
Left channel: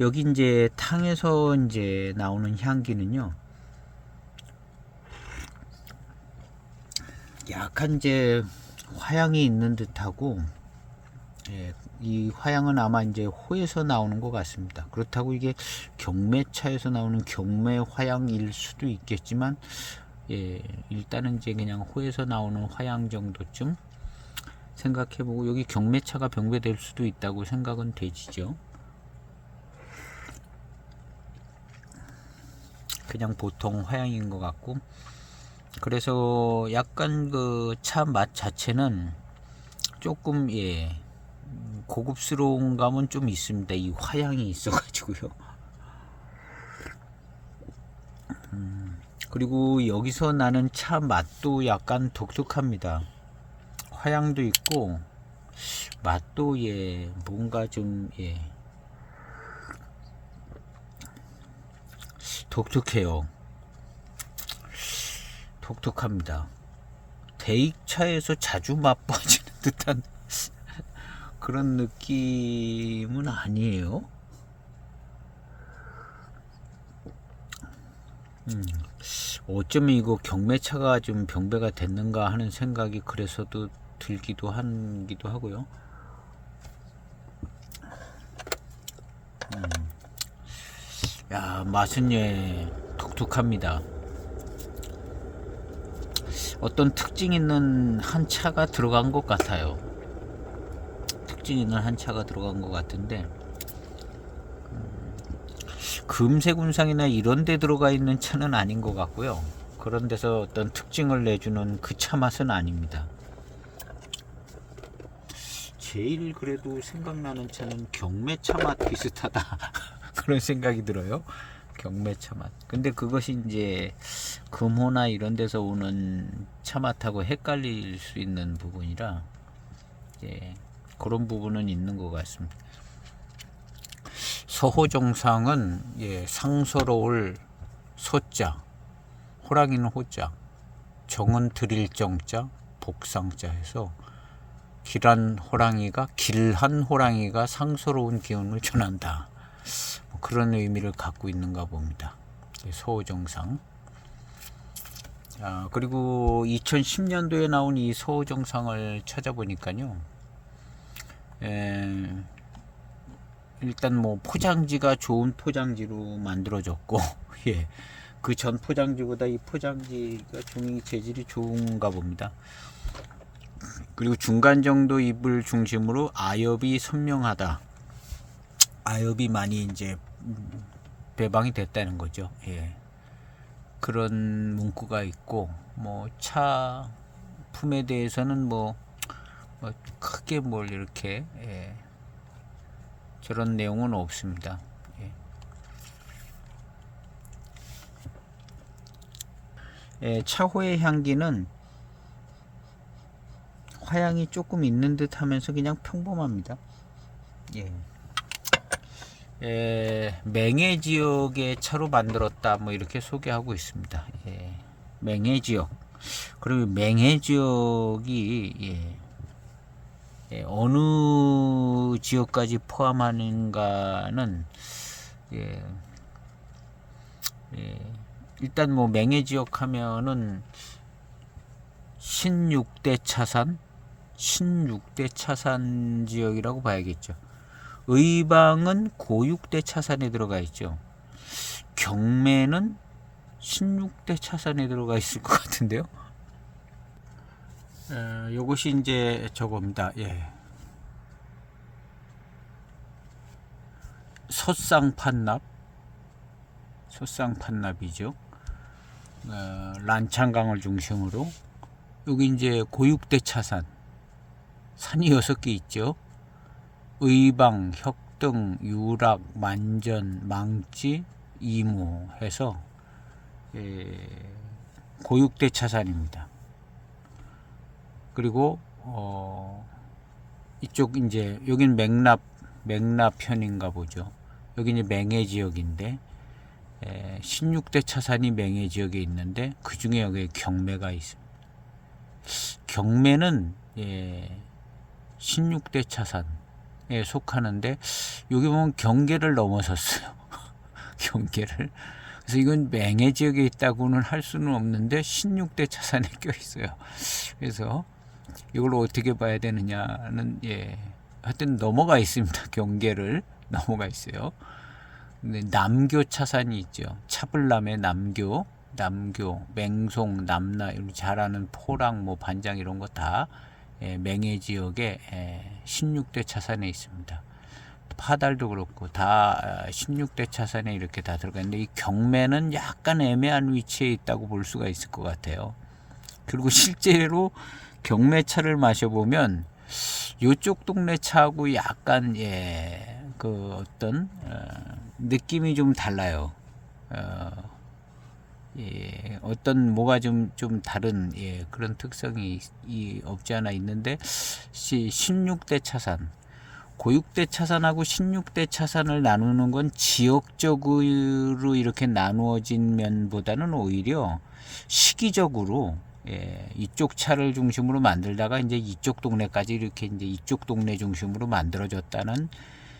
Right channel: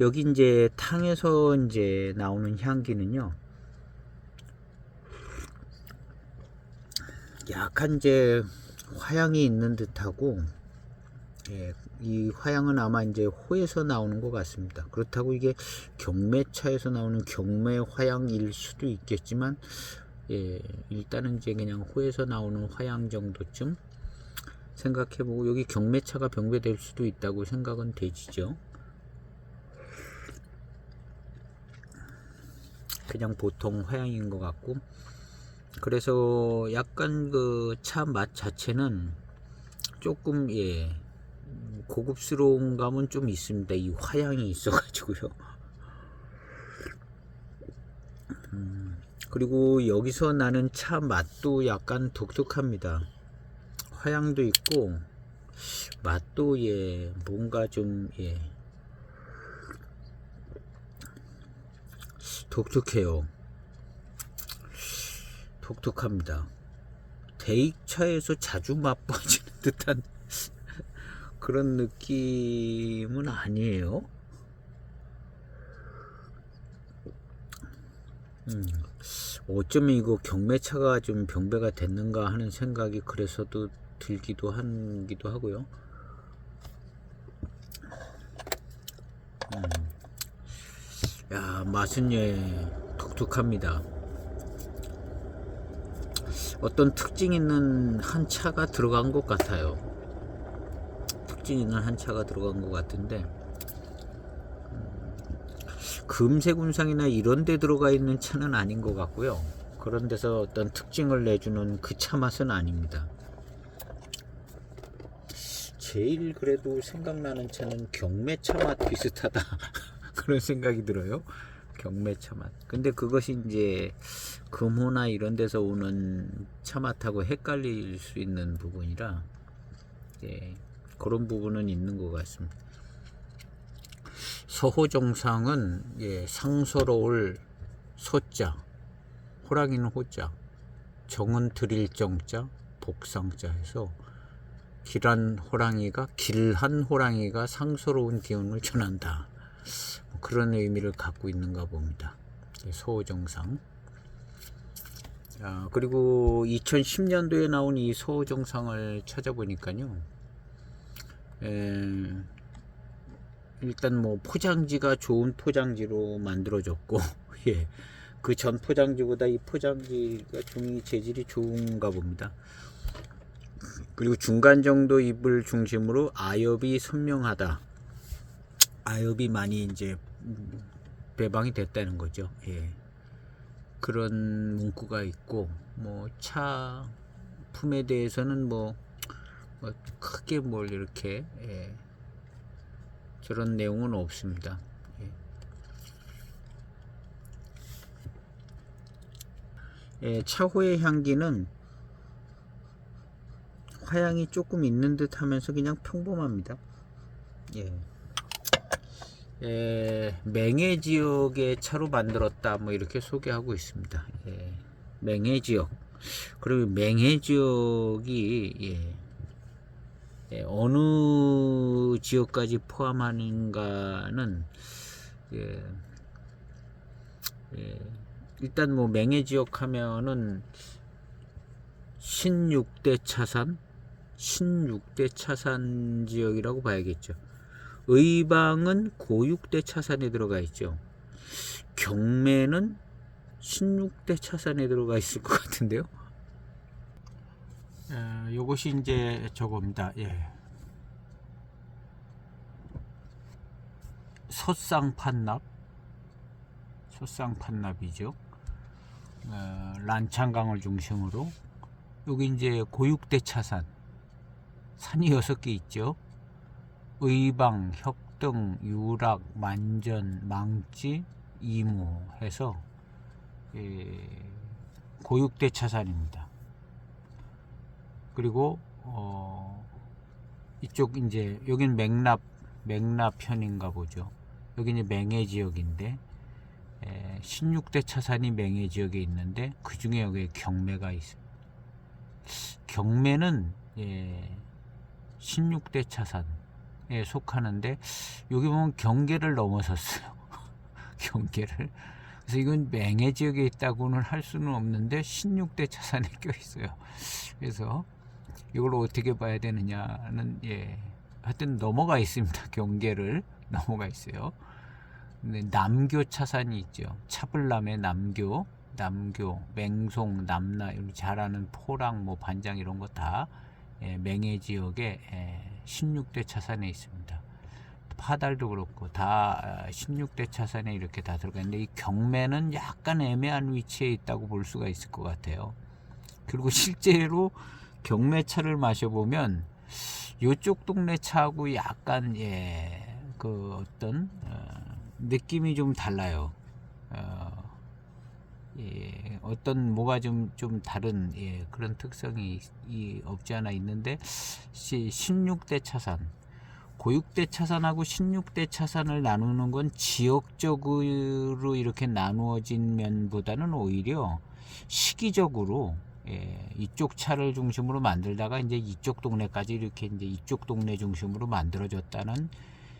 여기 이제 탕에서 이제 나오는 향기는요, 약간 이제 화향이 있는 듯하고, 이 화향은 아마 이제 호에서 나오는 것 같습니다. 그렇다고 이게 경매차에서 나오는 경매 화향일 수도 있겠지만, 일단은 이제 그냥 호에서 나오는 화향 정도쯤 생각해보고, 여기 경매차가 병배될 수도 있다고 생각은 되지죠. 그냥 보통 화향인 것 같고, 그래서 약간 그 차 맛 자체는 조금 고급스러운 감은 좀 있습니다. 이 화향이 있어가지고요. 그리고 여기서 나는 차 맛도 약간 독특합니다. 화향도 있고 맛도 뭔가 좀 독특해요. 독특합니다. 대익차에서 자주 맛보지는 듯한 그런 느낌은 아니에요. 어쩌면 이거 경매차가 좀 병배가 됐는가 하는 생각이 그래서도 들기도 하고요. 야, 맛은 독특합니다. 어떤 특징 있는 한 차가 들어간 것 같아요. 특징 있는 한 차가 들어간 것 같은데, 금색운상이나 이런 데 들어가 있는 차는 아닌 것 같고요. 그런 데서 어떤 특징을 내주는 그 차 맛은 아닙니다. 제일 그래도 생각나는 차는 경매차 맛 비슷하다. 그런 생각이 들어요. 경매차 맛. 근데 그것이 이제 금호나 이런 데서 오는 차 맛하고 헷갈릴 수 있는 부분이라, 예, 그런 부분은 있는 것 같습니다. 서호정상은 상서로울 소자, 호랑이는 호자, 정은 드릴 정자, 복상자 해서 길한 호랑이가 상서로운 기운을 전한다. 그런 의미를 갖고 있는가 봅니다. 서호정상. 그리고 2010년도에 나온 이 서호정상을 찾아보니까요. 일단 뭐 포장지가 좋은 포장지로 만들어졌고, 예, 그 전 포장지보다 이 포장지가 종이 재질이 좋은가 봅니다. 그리고 중간 정도 잎을 중심으로 아엽이 선명하다. 아엽이 많이 이제 배방이 됐다는 거죠. 예. 그런 문구가 있고, 뭐 차 품에 대해서는 뭐 크게 뭘 이렇게 저런 내용은 없습니다. 차호의 향기는 화향이 조금 있는 듯 하면서 그냥 평범합니다. 맹해 지역의 차로 만들었다, 뭐 이렇게 소개하고 있습니다. 맹해 지역. 그리고 맹해 지역이 어느 지역까지 포함하는가는 일단 뭐 맹해 지역 하면은 신육대 차산 지역이라고 봐야겠죠. 의방은 고육대 차산에 들어가 있죠. 경매는 신육대 차산에 들어가 있을 것 같은데요. 요것이 이제 저겁니다. 솥상판납이죠. 란창강을 중심으로 여기 이제 고육대 차산, 산이 6개 있죠. 의방, 혁등, 유락, 만전, 망지, 이모 해서 고육대 차산입니다. 그리고 이쪽 이제 여긴 맥납편인가 보죠. 여기 이제 맹해 지역인데, 16대 차산이 맹해 지역에 있는데 그 중에 여기 경매가 있습니다. 경매는 16대 차산에 속하는데 여기 보면 경계를 넘어섰어요. 경계를. 그래서 이건 맹해 지역에 있다고는 할 수는 없는데 16대 차산에 껴 있어요. 그래서 이걸 어떻게 봐야 되느냐는 하여튼 넘어가 있습니다. 경계를 넘어가 있어요. 근데 남교 차산이 있죠. 차불남의 남교, 맹송, 남나 이런 잘하는 포랑 뭐 반장 이런 거 다 맹해 지역에 16대 차산에 있습니다. 파달도 그렇고 다 16대 차산에 이렇게 다 들어가 있는데, 이 경매는 약간 애매한 위치에 있다고 볼 수가 있을 것 같아요. 그리고 실제로 경매차를 마셔보면 이쪽 동네 차하고 약간 그 어떤 느낌이 좀 달라요. 어떤 뭐가 좀 다른 그런 특성이 없지 않아 있는데, 16대 차산, 고육대 차산하고 16대 차산을 나누는 건 지역적으로 이렇게 나누어진 면보다는 오히려 시기적으로 이쪽 차를 중심으로 만들다가 이제 이쪽 동네까지 이렇게 이제 이쪽 동네 중심으로 만들어졌다는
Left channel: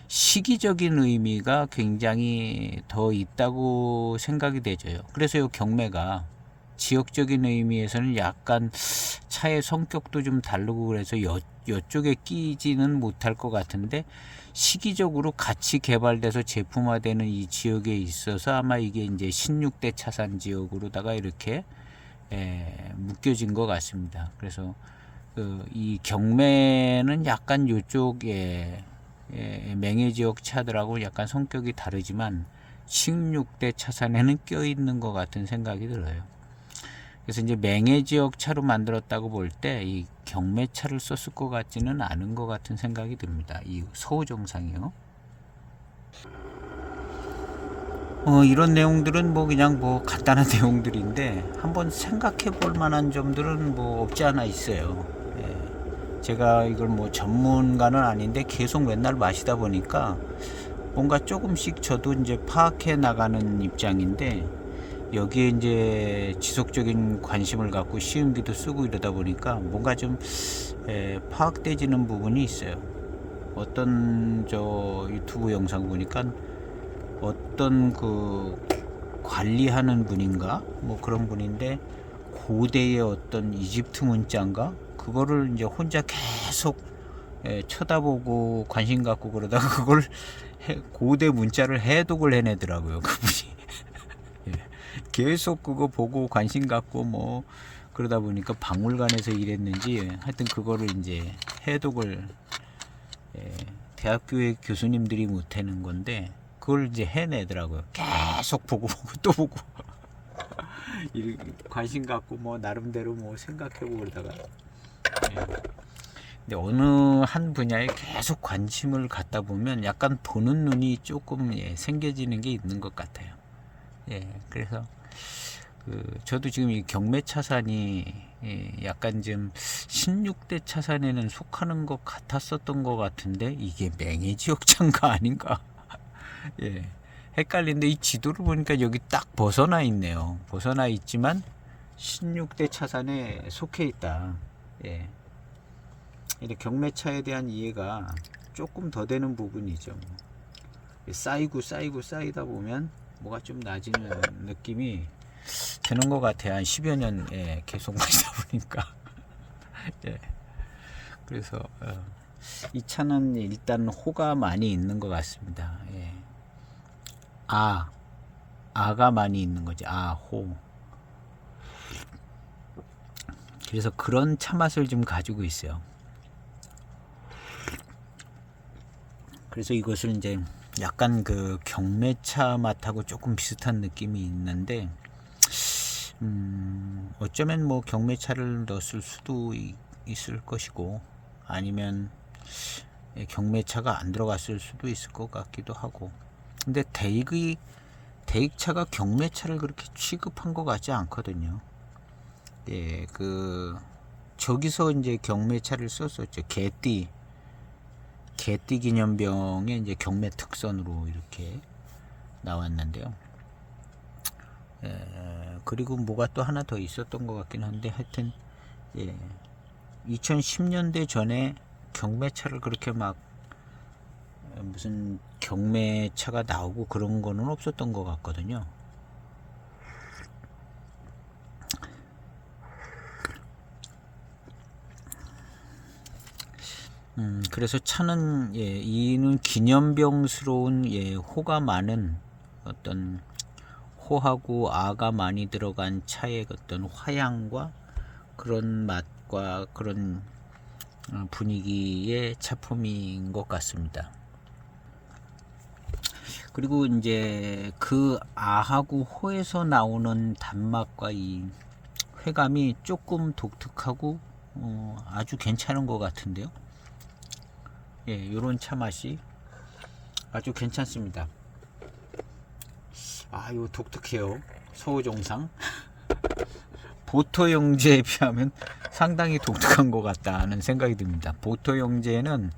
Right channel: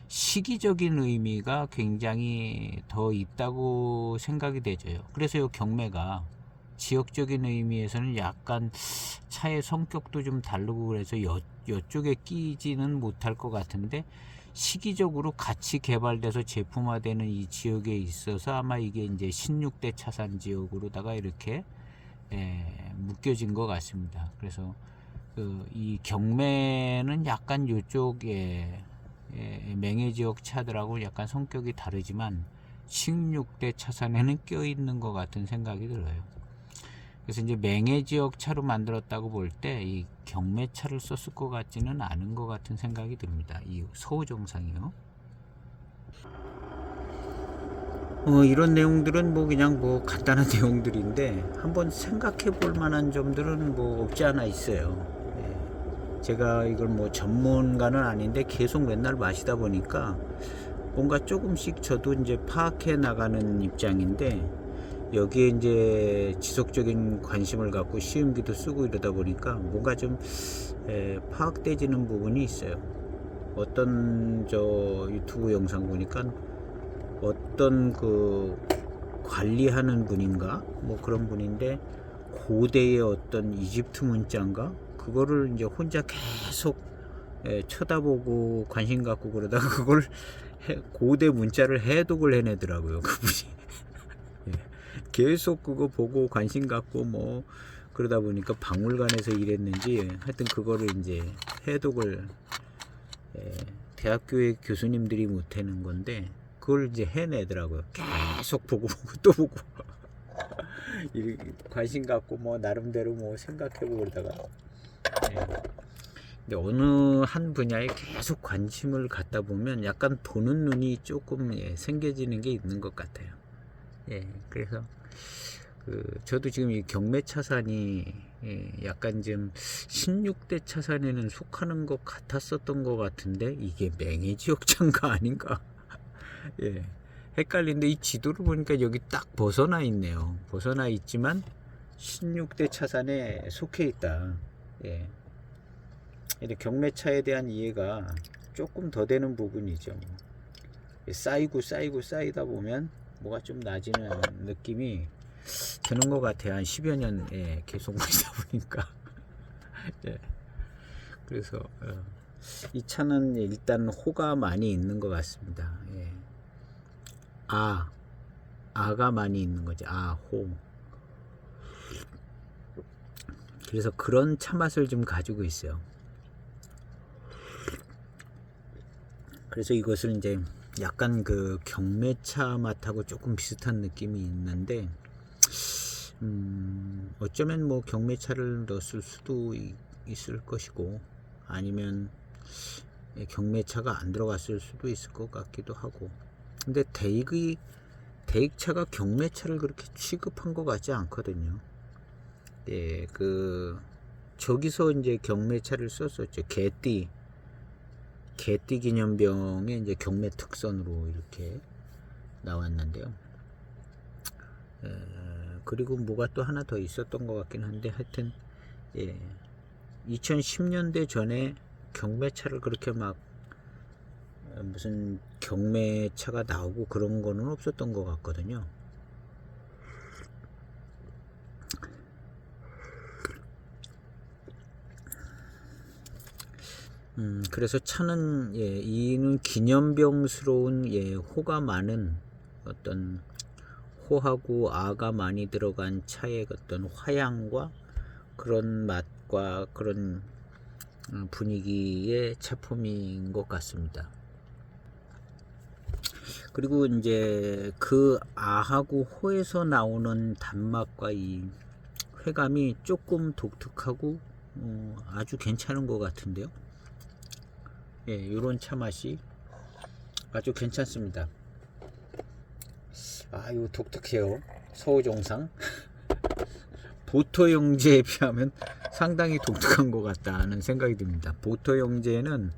시기적인 의미가 굉장히 더 있다고 생각이 되죠. 그래서 이 경매가 지역적인 의미에서는 약간 차의 성격도 좀 다르고 그래서 이쪽에 끼지는 못할 것 같은데, 시기적으로 같이 개발돼서 제품화되는 이 지역에 있어서 아마 이게 이제 16대 차산 지역으로다가 이렇게 묶여진 것 같습니다. 그래서 이 경매는 약간 이쪽에 맹해 지역 차들하고 약간 성격이 다르지만 16대 차산에는 껴있는 것 같은 생각이 들어요. 그래서 이제 맹해 지역 차로 만들었다고 볼 때 이 경매차를 썼을 것 같지는 않은 것 같은 생각이 듭니다. 이 서우정상이요. 이런 내용들은 뭐 그냥 뭐 간단한 내용들인데 한번 생각해 볼 만한 점들은 뭐 없지 않아 있어요. 제가 이걸 뭐 전문가는 아닌데 계속 맨날 마시다 보니까 뭔가 조금씩 저도 이제 파악해 나가는 입장인데, 여기에 이제 지속적인 관심을 갖고 시음기도 쓰고 이러다 보니까 뭔가 좀 파악되지는 부분이 있어요. 어떤 저 유튜브 영상 보니까 어떤 그 관리하는 분인가 뭐 그런 분인데 고대의 어떤 이집트 문자인가 그거를 이제 혼자 계속 쳐다보고 관심 갖고 그러다가 그걸 고대 문자를 해독을 해내더라고요, 그분이. 계속 그거 보고 관심 갖고 뭐 그러다 보니까 박물관에서 일했는지 하여튼 그거를 이제 해독을 대학교의 교수님들이 못하는 건데 그걸 이제 해내더라고요. 계속 보고 또 보고 관심 갖고 뭐 나름대로 뭐 생각해보고 그러다가 근데 어느 한 분야에 계속 관심을 갖다 보면 약간 보는 눈이 조금 생겨지는 게 있는 것 같아요. 그래서 저도 지금 이 경매 차산이 약간 좀 16대 차산에는 속하는 것 같았었던 것 같은데 이게 맹해 지역차인가 아닌가 헷갈린데 이 지도를 보니까 여기 딱 벗어나 있네요. 벗어나 있지만 16대 차산에 속해 있다. 경매차에 대한 이해가 조금 더 되는 부분이죠. 쌓이다 보면 뭐가 좀 나아지는 느낌이 드는 것 같아요. 한 10여 년 계속 마시다 보니까. 그래서 이 차는 일단 호가 많이 있는 것 같습니다. 아가 많이 있는 거지. 호. 그래서 그런 차 맛을 좀 가지고 있어요. 그래서 이것을 이제 약간 그 경매차 맛하고 조금 비슷한 느낌이 있는데, 어쩌면 뭐 경매차를 넣었을 수도 있을 것이고, 아니면 경매차가 안 들어갔을 수도 있을 것 같기도 하고. 근데 대익차가 경매차를 그렇게 취급한 것 같지 않거든요. 저기서 이제 경매차를 썼었죠. 개띠 기념병의 이제 경매 특선으로 이렇게 나왔는데요. 그리고 뭐가 또 하나 더 있었던 것 같긴 한데, 하여튼 2010년대 전에 경매차를 그렇게 막 무슨 경매차가 나오고 그런 거는 없었던 것 같거든요. 그래서 차는 이는 기념병스러운 호가 많은 어떤 호하고 아가 많이 들어간 차의 어떤 화향과 그런 맛과 그런 분위기의 차품인 것 같습니다. 그리고 이제 그 아하고 호에서 나오는 단맛과 이 회감이 조금 독특하고 아주 괜찮은 것 같은데요. 이런 차 맛이 아주 괜찮습니다. 이거 독특해요. 서우정상 보토 영재에 비하면 상당히 독특한 것 같다는 생각이 듭니다. 보토 영재는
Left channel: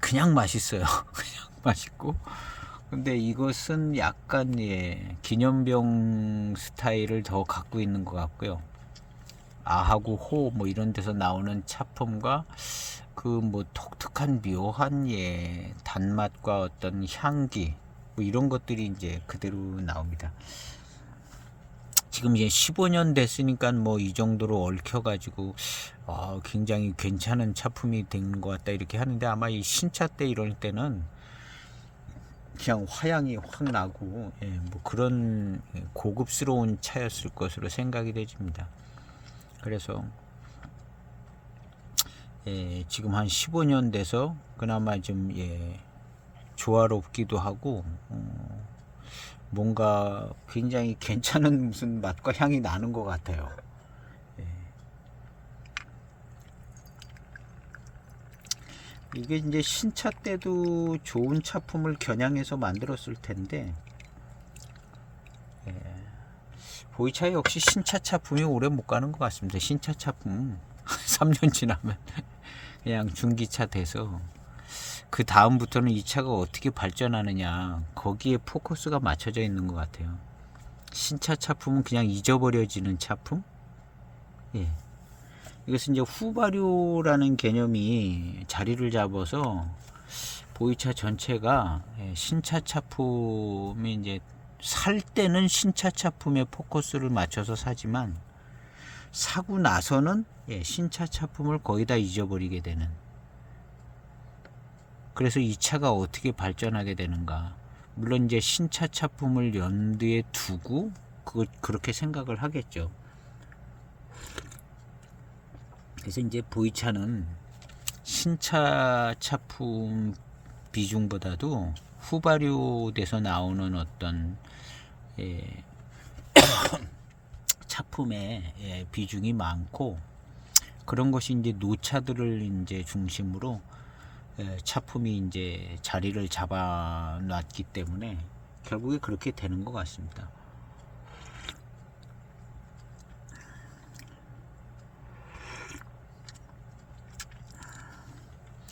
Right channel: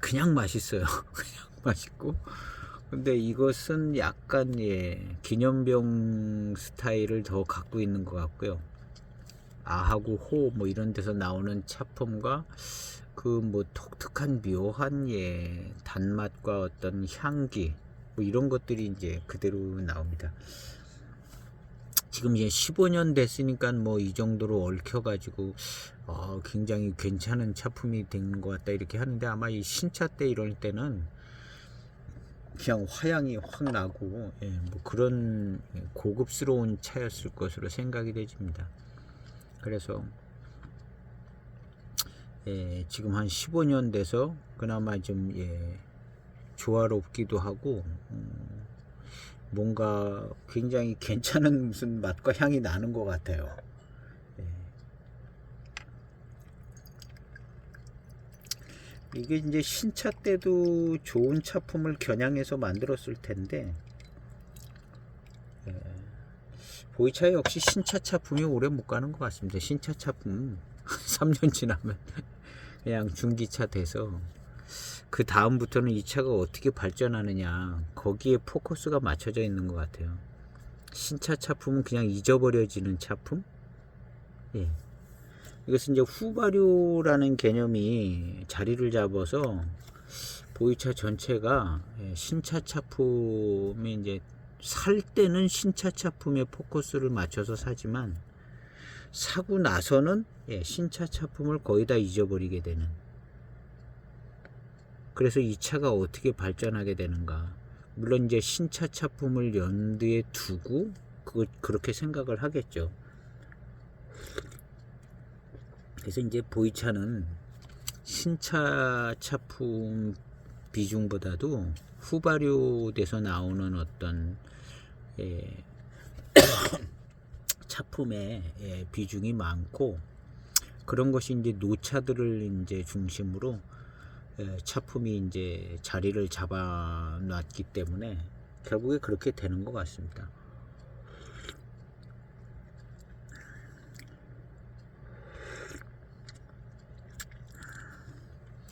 그냥 맛있어요. 그냥 맛있고, 근데 이것은 약간 기념병 스타일을 더 갖고 있는 것 같고요. 아하고 호 뭐 이런 데서 나오는 차품과 그 뭐 독특한 묘한 단맛과 어떤 향기 뭐 이런 것들이 이제 그대로 나옵니다. 지금 이제 15년 됐으니까 뭐 이 정도로 얽혀가지고 굉장히 괜찮은 차품이 된 것 같다 이렇게 하는데, 아마 이 신차 때 이럴 때는 그냥 화양이 확 나고 뭐 그런 고급스러운 차였을 것으로 생각이 되집니다. 그래서 지금 한 15년 돼서 그나마 좀 조화롭기도 하고 뭔가 굉장히 괜찮은 무슨 맛과 향이 나는 것 같아요. 이게 이제 신차 때도 좋은 차품을 겨냥해서 만들었을 텐데, 보이차 역시 신차 차품이 오래 못 가는 것 같습니다. 신차 차품 3년 지나면 그냥 중기차 돼서 그 다음부터는 이 차가 어떻게 발전하느냐 거기에 포커스가 맞춰져 있는 것 같아요. 신차 차품은 그냥 잊어버려지는 차품. 이것은 이제 후발효라는 개념이 자리를 잡아서 보이차 전체가 신차 차품이 이제 살 때는 신차 차품에 포커스를 맞춰서 사지만 사고 나서는 신차 차품을 거의 다 잊어버리게 되는. 그래서 이 차가 어떻게 발전하게 되는가. 물론 이제 신차 차품을 염두에 두고 그렇게 생각을 하겠죠. 그래서 이제 보이차는 신차 차품 비중보다도 후발효돼서 나오는 어떤 차품의 비중이 많고, 그런 것이 이제 노차들을 이제 중심으로 차품이 이제 자리를 잡아놨기 때문에 결국에 그렇게 되는 것 같습니다.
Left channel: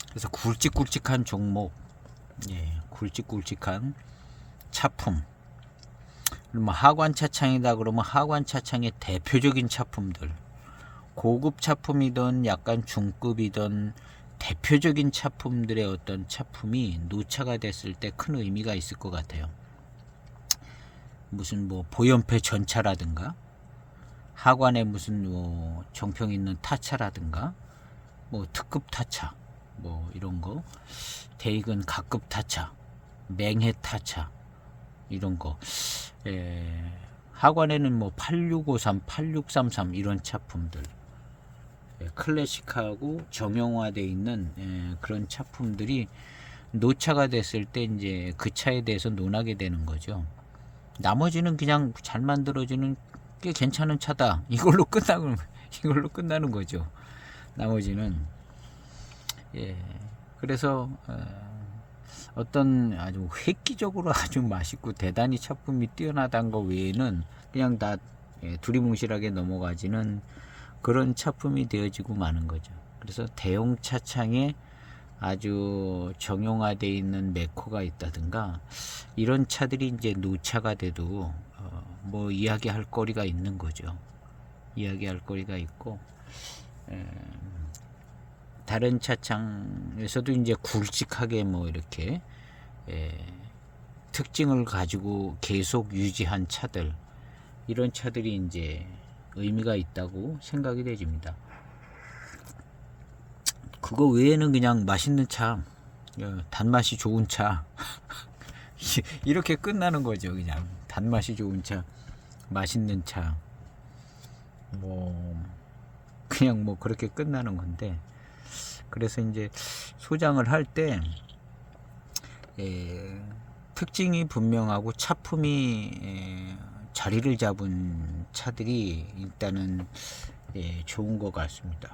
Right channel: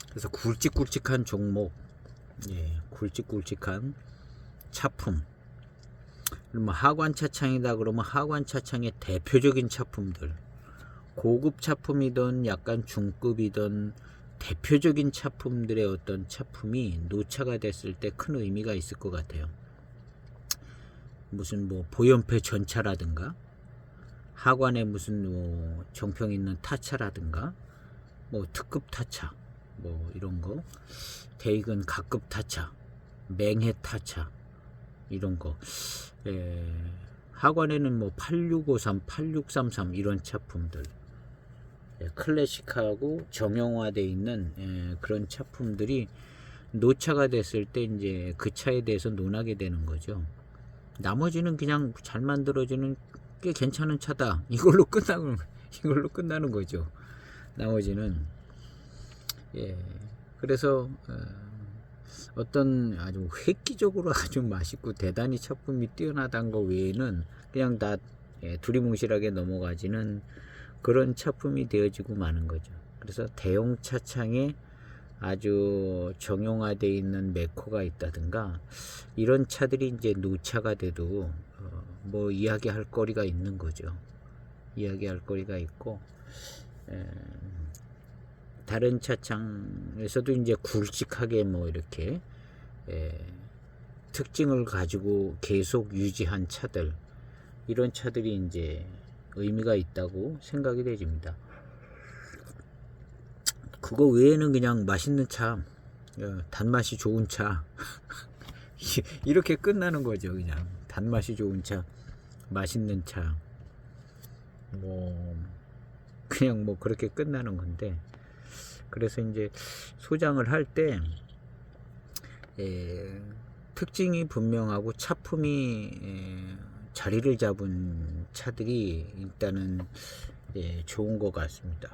그래서 굵직굵직한 종목, 굵직굵직한 차품. 뭐 하관 차창이다 그러면 하관 차창의 대표적인 차품들, 고급 차품이든 약간 중급이든 대표적인 차품들의 어떤 차품이 노차가 됐을 때 큰 의미가 있을 것 같아요. 무슨 뭐 보연패 전차라든가, 하관에 무슨 뭐 정평 있는 타차라든가, 뭐 특급 타차, 뭐 이런 거, 대익은 각급 타차, 맹해 타차, 이런 거. 하관에는 뭐 8653, 8633 이런 차품들, 클래식하고 정형화되어 있는 그런 차품들이 노차가 됐을 때 이제 그 차에 대해서 논하게 되는 거죠. 나머지는 그냥 잘 만들어지는 꽤 괜찮은 차다, 이걸로 끝나는 거죠. 나머지는. 그래서 어떤 아주 획기적으로 아주 맛있고 대단히 차품이 뛰어나다는 거 외에는 그냥 다 두리뭉실하게 넘어가지는 그런 차품이 되어지고 마는 거죠. 그래서 대형 차창에 아주 정형화되어 있는 메코가 있다든가, 이런 차들이 이제 노차가 돼도 뭐 이야기할 거리가 있는 거죠. 이야기할 거리가 있고, 다른 차창에서도 이제 굵직하게 뭐 이렇게 특징을 가지고 계속 유지한 차들, 이런 차들이 이제 의미가 있다고 생각이 되집니다. 그거 외에는 그냥 맛있는 차, 단맛이 좋은 차 이렇게 끝나는 거죠. 그냥 단맛이 좋은 차, 맛있는 차, 뭐 그냥 뭐 그렇게 끝나는 건데, 그래서 이제 소장을 할 때 특징이 분명하고 차품이 자리를 잡은 차들이 일단은 좋은 것 같습니다.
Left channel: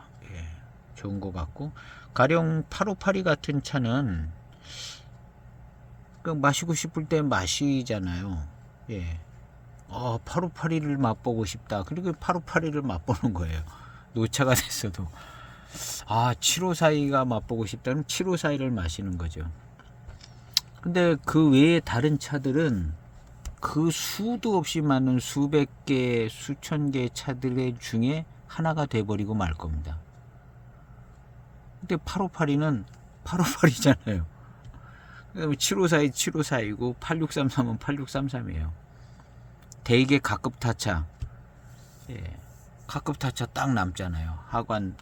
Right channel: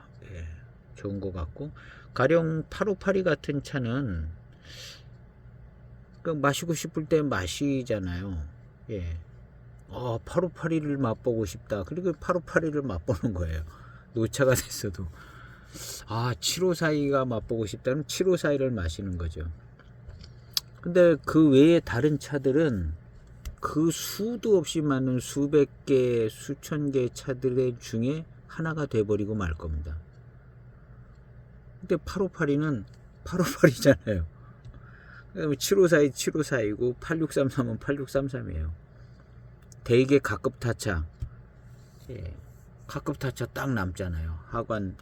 좋은 것 같고, 가령 8582 같은 차는 마시고 싶을 때 마시잖아요. 8582를 맛보고 싶다. 그리고 8582를 맛보는 거예요. 노차가 됐어도. 7542가 맛보고 싶다면 7542를 마시는 거죠. 근데 그 외에 다른 차들은 그 수도 없이 많은 수백 개, 수천 개 차들의 중에 하나가 돼버리고 말 겁니다. 근데 8582는 8582잖아요. 그 다음에 7542, 7542고 8633은 8633이에요. 대개 각급 타차, 예, 가급 타차 딱 남잖아요. 하관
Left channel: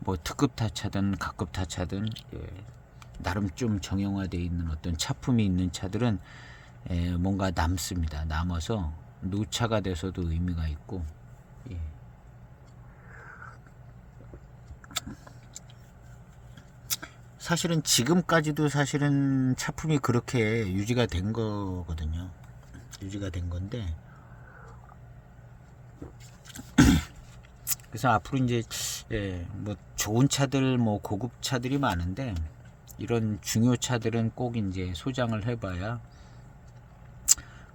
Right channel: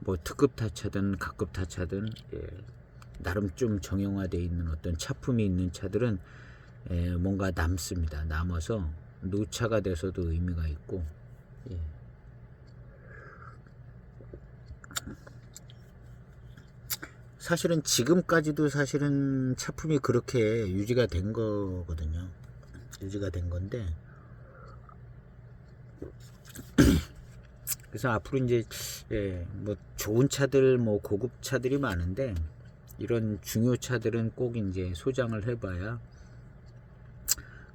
뭐 특급 타차든 가급 타차든 나름 좀 정형화되어 있는 어떤 차품이 있는 차들은 뭔가 남습니다. 남아서 노차가 돼서도 의미가 있고. 예. 사실은 지금까지도 사실은 차품이 그렇게 유지가 된 거거든요. 유지가 된 건데, 그래서 앞으로 이제 뭐 좋은 차들, 뭐 고급 차들이 많은데 이런 중요 차들은 꼭 이제 소장을 해봐야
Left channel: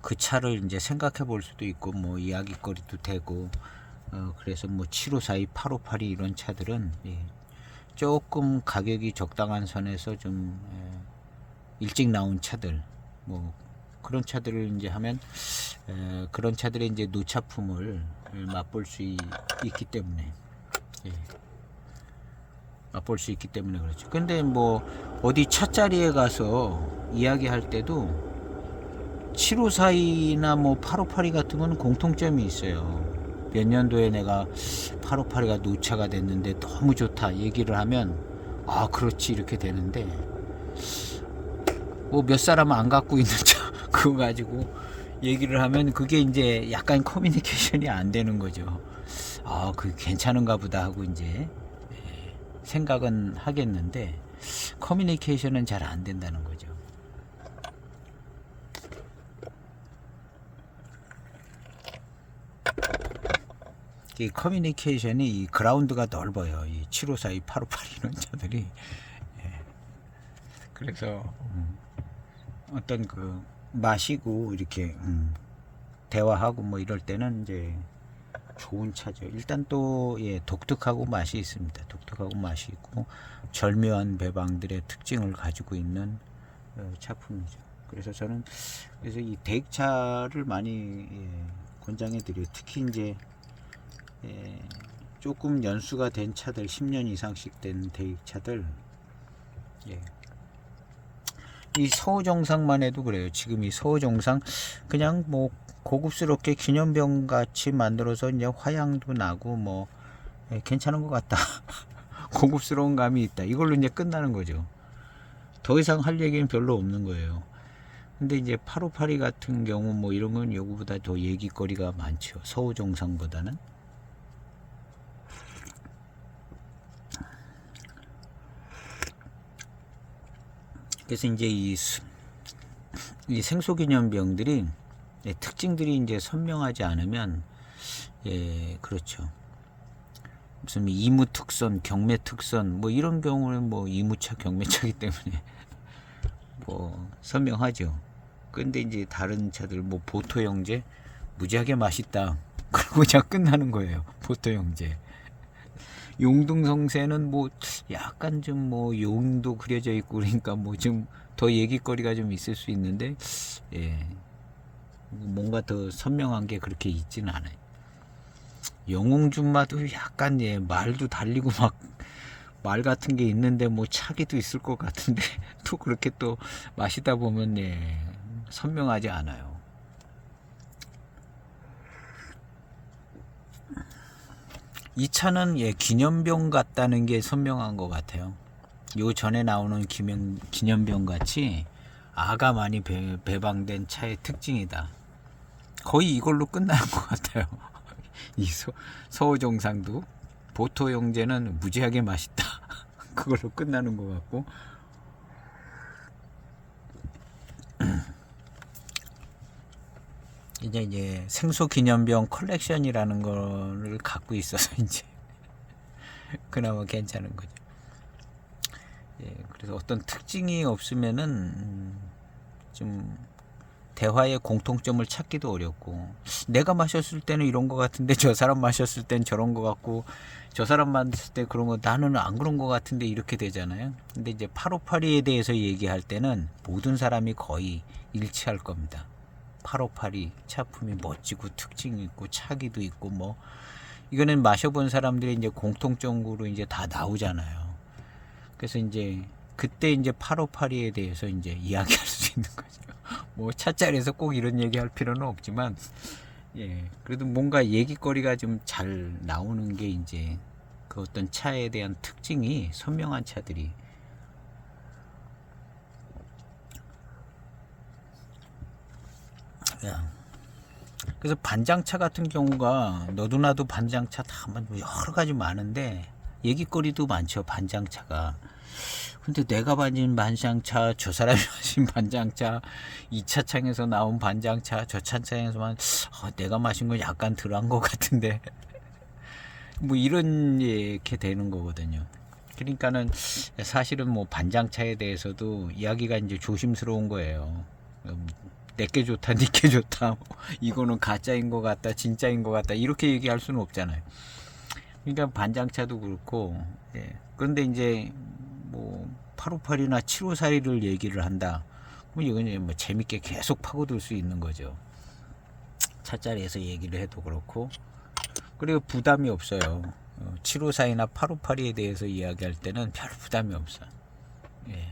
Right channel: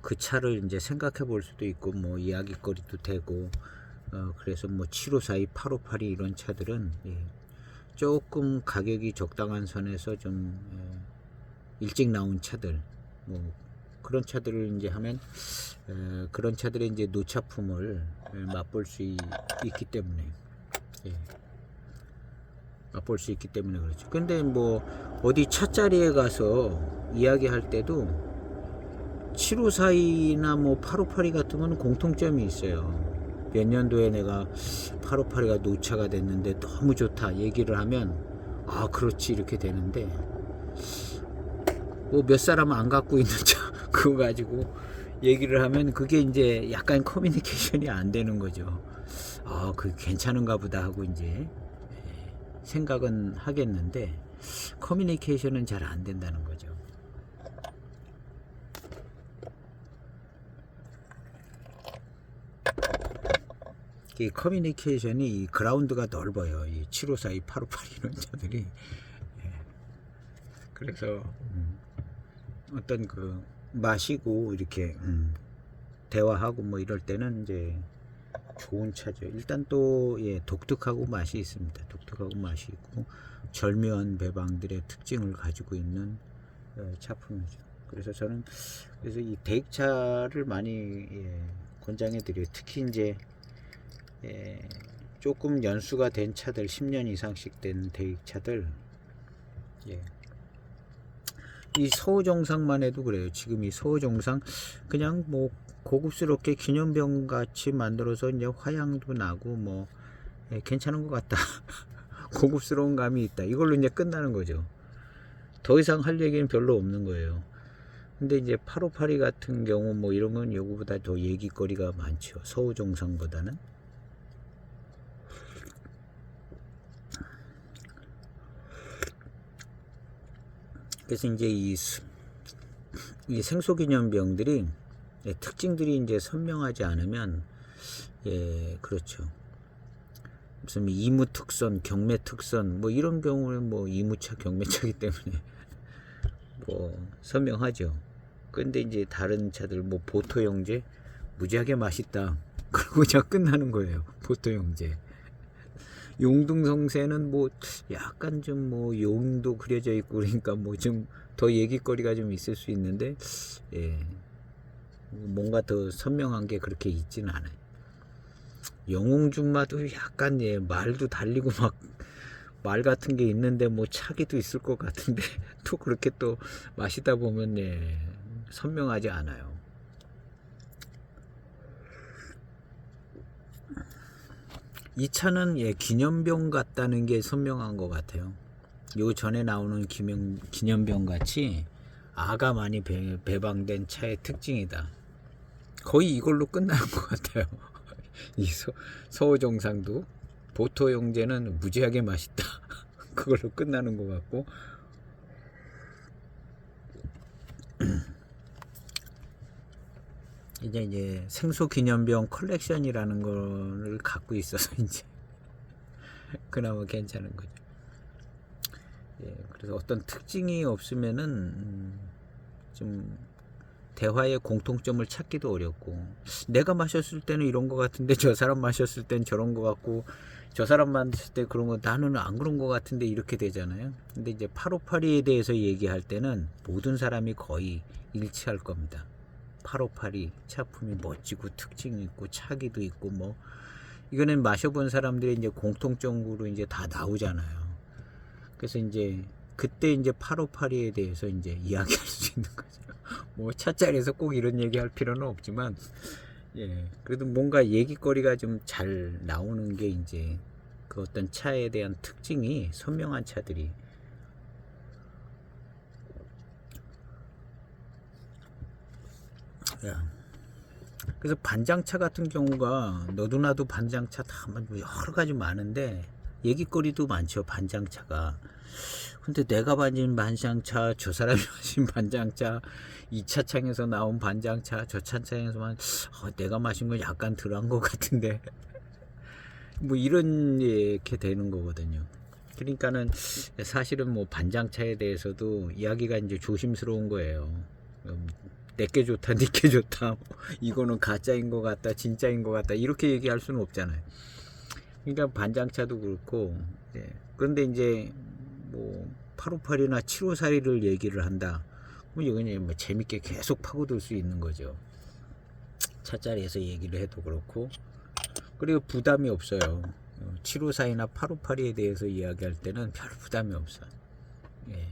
그 차를 이제 생각해 볼 수도 있고 뭐 이야기거리도 되고. 그래서 뭐 7542, 8582 이런 차들은 조금 가격이 적당한 선에서 좀 일찍 나온 차들, 뭐 그런 차들을 이제 하면 그런 차들의 이제 노차품을 맛볼 수 있기 때문에 맛볼 수 있기 때문에 그렇죠. 근데 뭐 어디 차자리에 가서 이야기할 때도 7542나 뭐 8582 같은 건 공통점이 있어요. 몇 년도에 내가 8582가 노차가 됐는데 너무 좋다 얘기를 하면 아 그렇지 이렇게 되는데 뭐 몇 사람 안 갖고 있는 차 그거 가지고 얘기를 하면 그게 이제 약간 커뮤니케이션이 안 되는 거죠. 아 그 괜찮은가 보다 하고 이제 생각은 하겠는데 커뮤니케이션은 잘 안 된다는 거죠. 이 커뮤니케이션이 이 그라운드가 넓어요. 이 7542, 8582 이런 차들이. 그래서 어떤 그 마시고 이렇게 대화하고 뭐 이럴 때는 이제 좋은 차죠. 일단 또 독특하고 맛이 있습니다. 독특하고 맛이 있고 절묘한 배방들의 특징을 가지고 있는 차품이죠. 그래서 저는 그래서 이 대익차를 많이 권장해 드려요. 특히 이제 조금 연수가 된 차들 10년 이상씩 된 대익차들 이 서호정상만 해도 그래요. 지금 이 서호정상 그냥 뭐 고급스럽게 기념병 같이 만들어서 이제 화양도 나고 뭐 괜찮은 것 같다. 고급스러운 감이 있다. 이걸로 이제 끝나는 거죠. 더 이상 할 얘기는 별로 없는 거예요. 근데 이제 8582 같은 경우 뭐 이런 건 요거보다 더 얘기거리가 많죠. 서호정상보다는. 그래서 이제 이 생소기념병들이 특징들이 이제 선명하지 않으면 그렇죠. 무슨 이무 특선, 경매 특선 뭐 이런 경우는 뭐 이무차, 경매차기 때문에 뭐 선명하죠. 근데 이제 다른 차들 뭐 보토형제 무지하게 맛있다. 그러고 그냥 끝나는 거예요. 보토형제. 용등성쇠는 뭐 약간 좀 뭐 용도 그려져 있고 그러니까 뭐 좀 더 얘기거리가 좀 있을 수 있는데 뭔가 더 선명한 게 그렇게 있지는 않아요. 영웅준마도 약간 말도 달리고 막 말 같은 게 있는데 뭐 차기도 있을 것 같은데 또 그렇게 또 마시다 보면 선명하지 않아요. 이 차는 기념병 같다는 게 선명한 것 같아요. 요 전에 나오는 기념병 같이 아가 많이 배방된 차의 특징이다. 거의 이걸로 끝나는 것 같아요. 이 서호정상도 보토 형제는 무지하게 맛있다. 그걸로 끝나는 것 같고 이제 생소기념병 컬렉션이라는 거를 갖고 있어서 이제 그나마 괜찮은 거죠. 그래서 어떤 특징이 없으면은 좀 대화의 공통점을 찾기도 어렵고 내가 마셨을 때는 이런 거 같은데 저 사람 마셨을 땐 저런 거 같고 저 사람 마셨을 때 그런 거 나는 안 그런 거 같은데 이렇게 되잖아요. 근데 이제 8582에 대해서 얘기할 때는 모든 사람이 거의 일치할 겁니다. 8582 차품이 멋지고 특징이 있고 차기도 있고 뭐 이거는 마셔본 사람들이 이제 공통적으로 이제 다 나오잖아요. 그래서 이제 그때 이제 8582에 대해서 이제 이야기할 수 있는 거죠. 뭐 차자리에서 꼭 이런 얘기할 필요는 없지만 예, 그래도 뭔가 얘기거리가 좀 잘 나오는 게 이제 그 어떤 차에 대한 특징이 선명한 차들이. 예. 그래서 반장차 같은 경우가 너도나도 반장차 다 여러 가지 많은데 얘기거리도 많죠, 반장차가. 근데 내가 마신 반장차, 저 사람이 마신 반장차, 이 차창에서 나온 반장차, 저 차창에서만 내가 마신 건 약간 덜한 것 같은데 뭐 이런 이렇게 되는 거거든요. 그러니까는 사실은 뭐 반장차에 대해서도 이야기가 이제 조심스러운 거예요. 내게 좋다, 니게 좋다, 이거는 가짜인 것 같다, 진짜인 것 같다, 이렇게 얘기할 수는 없잖아요. 그러니까 반장차도 그렇고, 예. 그런데 이제 뭐 858이나 754를 얘기를 한다. 그럼 이건 뭐 재밌게 계속 파고들 수 있는 거죠. 차자리에서 얘기를 해도 그렇고, 그리고 부담이 없어요. 754이나 858에 대해서 이야기할 때는 별 부담이 없어. 예.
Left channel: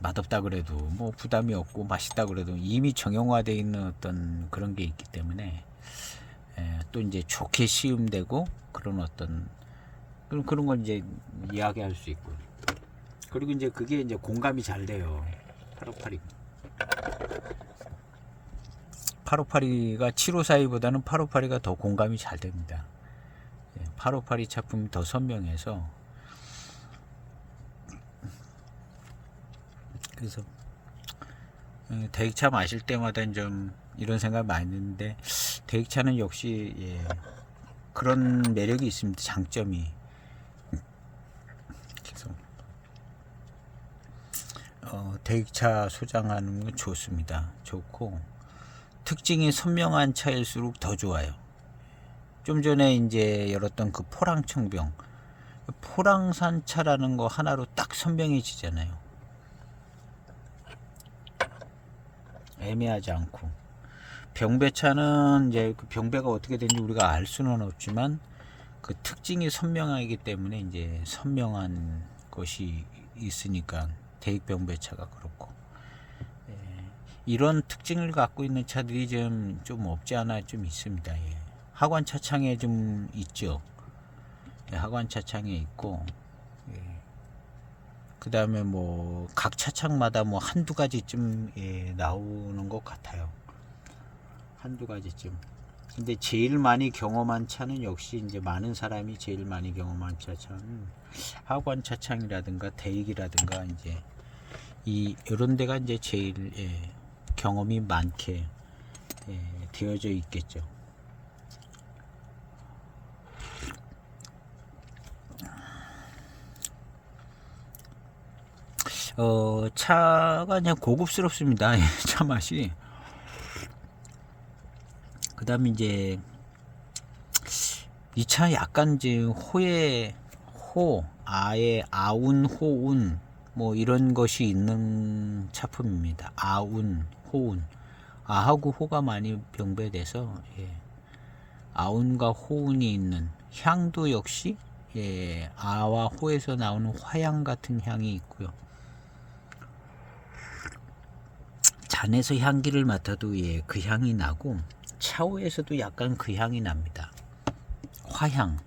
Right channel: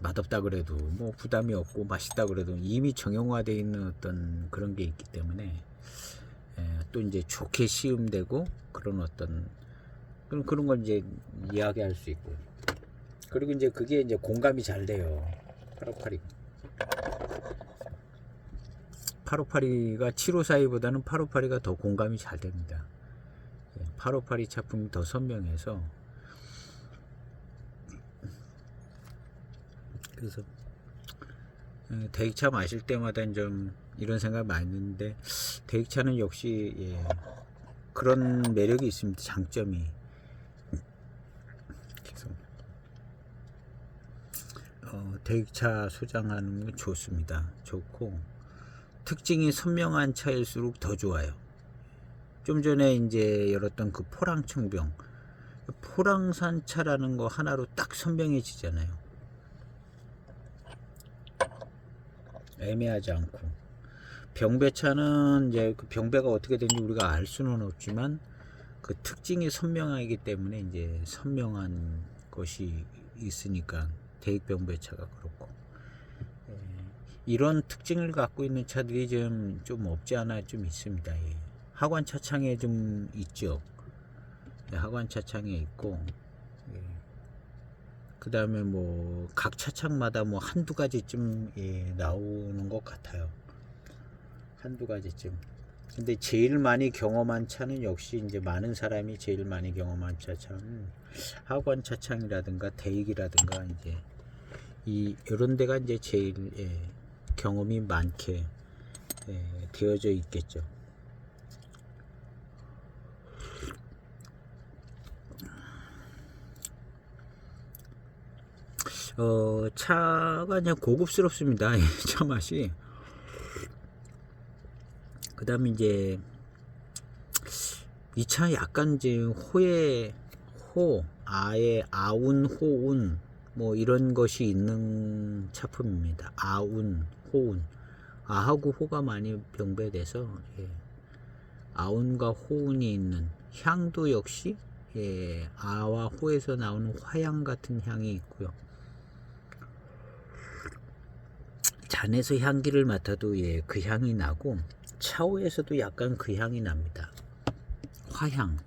맛없다 그래도 뭐 부담이 없고, 맛있다 그래도 이미 정형화되어 있는 어떤 그런 게 있기 때문에, 또 이제 좋게 시음되고 그런 어떤 그런 걸 이제 이야기할 수 있고, 그리고 이제 그게 이제 공감이 잘 돼요. 858가 754보다는 858가 더 공감이 잘 됩니다. 858 차품이 더 선명해서. 그래서 대익차 마실 때마다 좀 이런 생각 많이 드는데, 대익차는 역시 그런 매력이 있습니다. 장점이. 그래서 대익차 소장하는 건 좋습니다. 좋고, 특징이 선명한 차일수록 더 좋아요. 좀 전에 이제 열었던 그 포랑청병, 포랑산 차라는 거 하나로 딱 선명해지잖아요. 애매하지 않고. 병배차는 이제 그 병배가 어떻게 되는지 우리가 알 수는 없지만 그 특징이 선명하기 때문에 이제 선명한 것이 있으니까 대익병배차가 그렇고, 이런 특징을 갖고 있는 차들이 좀 없지 않아 좀 있습니다. 하관 차창에 좀 있죠. 하관 차창에 있고, 그 다음에 뭐 각 차창마다 뭐 한두 가지쯤 나오는 것 같아요. 한두 가지쯤. 근데 제일 많이 경험한 차는 역시 이제 많은 사람이 제일 많이 경험한 차는 하관 차창이라든가 대익이라든가 이제 이런 데가 이제 제일 경험이 많게 되어져 있겠죠. 차가 그냥 고급스럽습니다. 차 맛이. 그 다음에 이제 이 차 약간 이제 아의 아운, 호운 뭐 이런 것이 있는 차품입니다. 아운, 호운. 아하고 호가 많이 병배돼서 아운과 호운이 있는 향도 역시 아와 호에서 나오는 화향 같은 향이 있고요. 잔에서 향기를 맡아도 그 향이 나고, 차후에서도 약간 그 향이 납니다. 화향.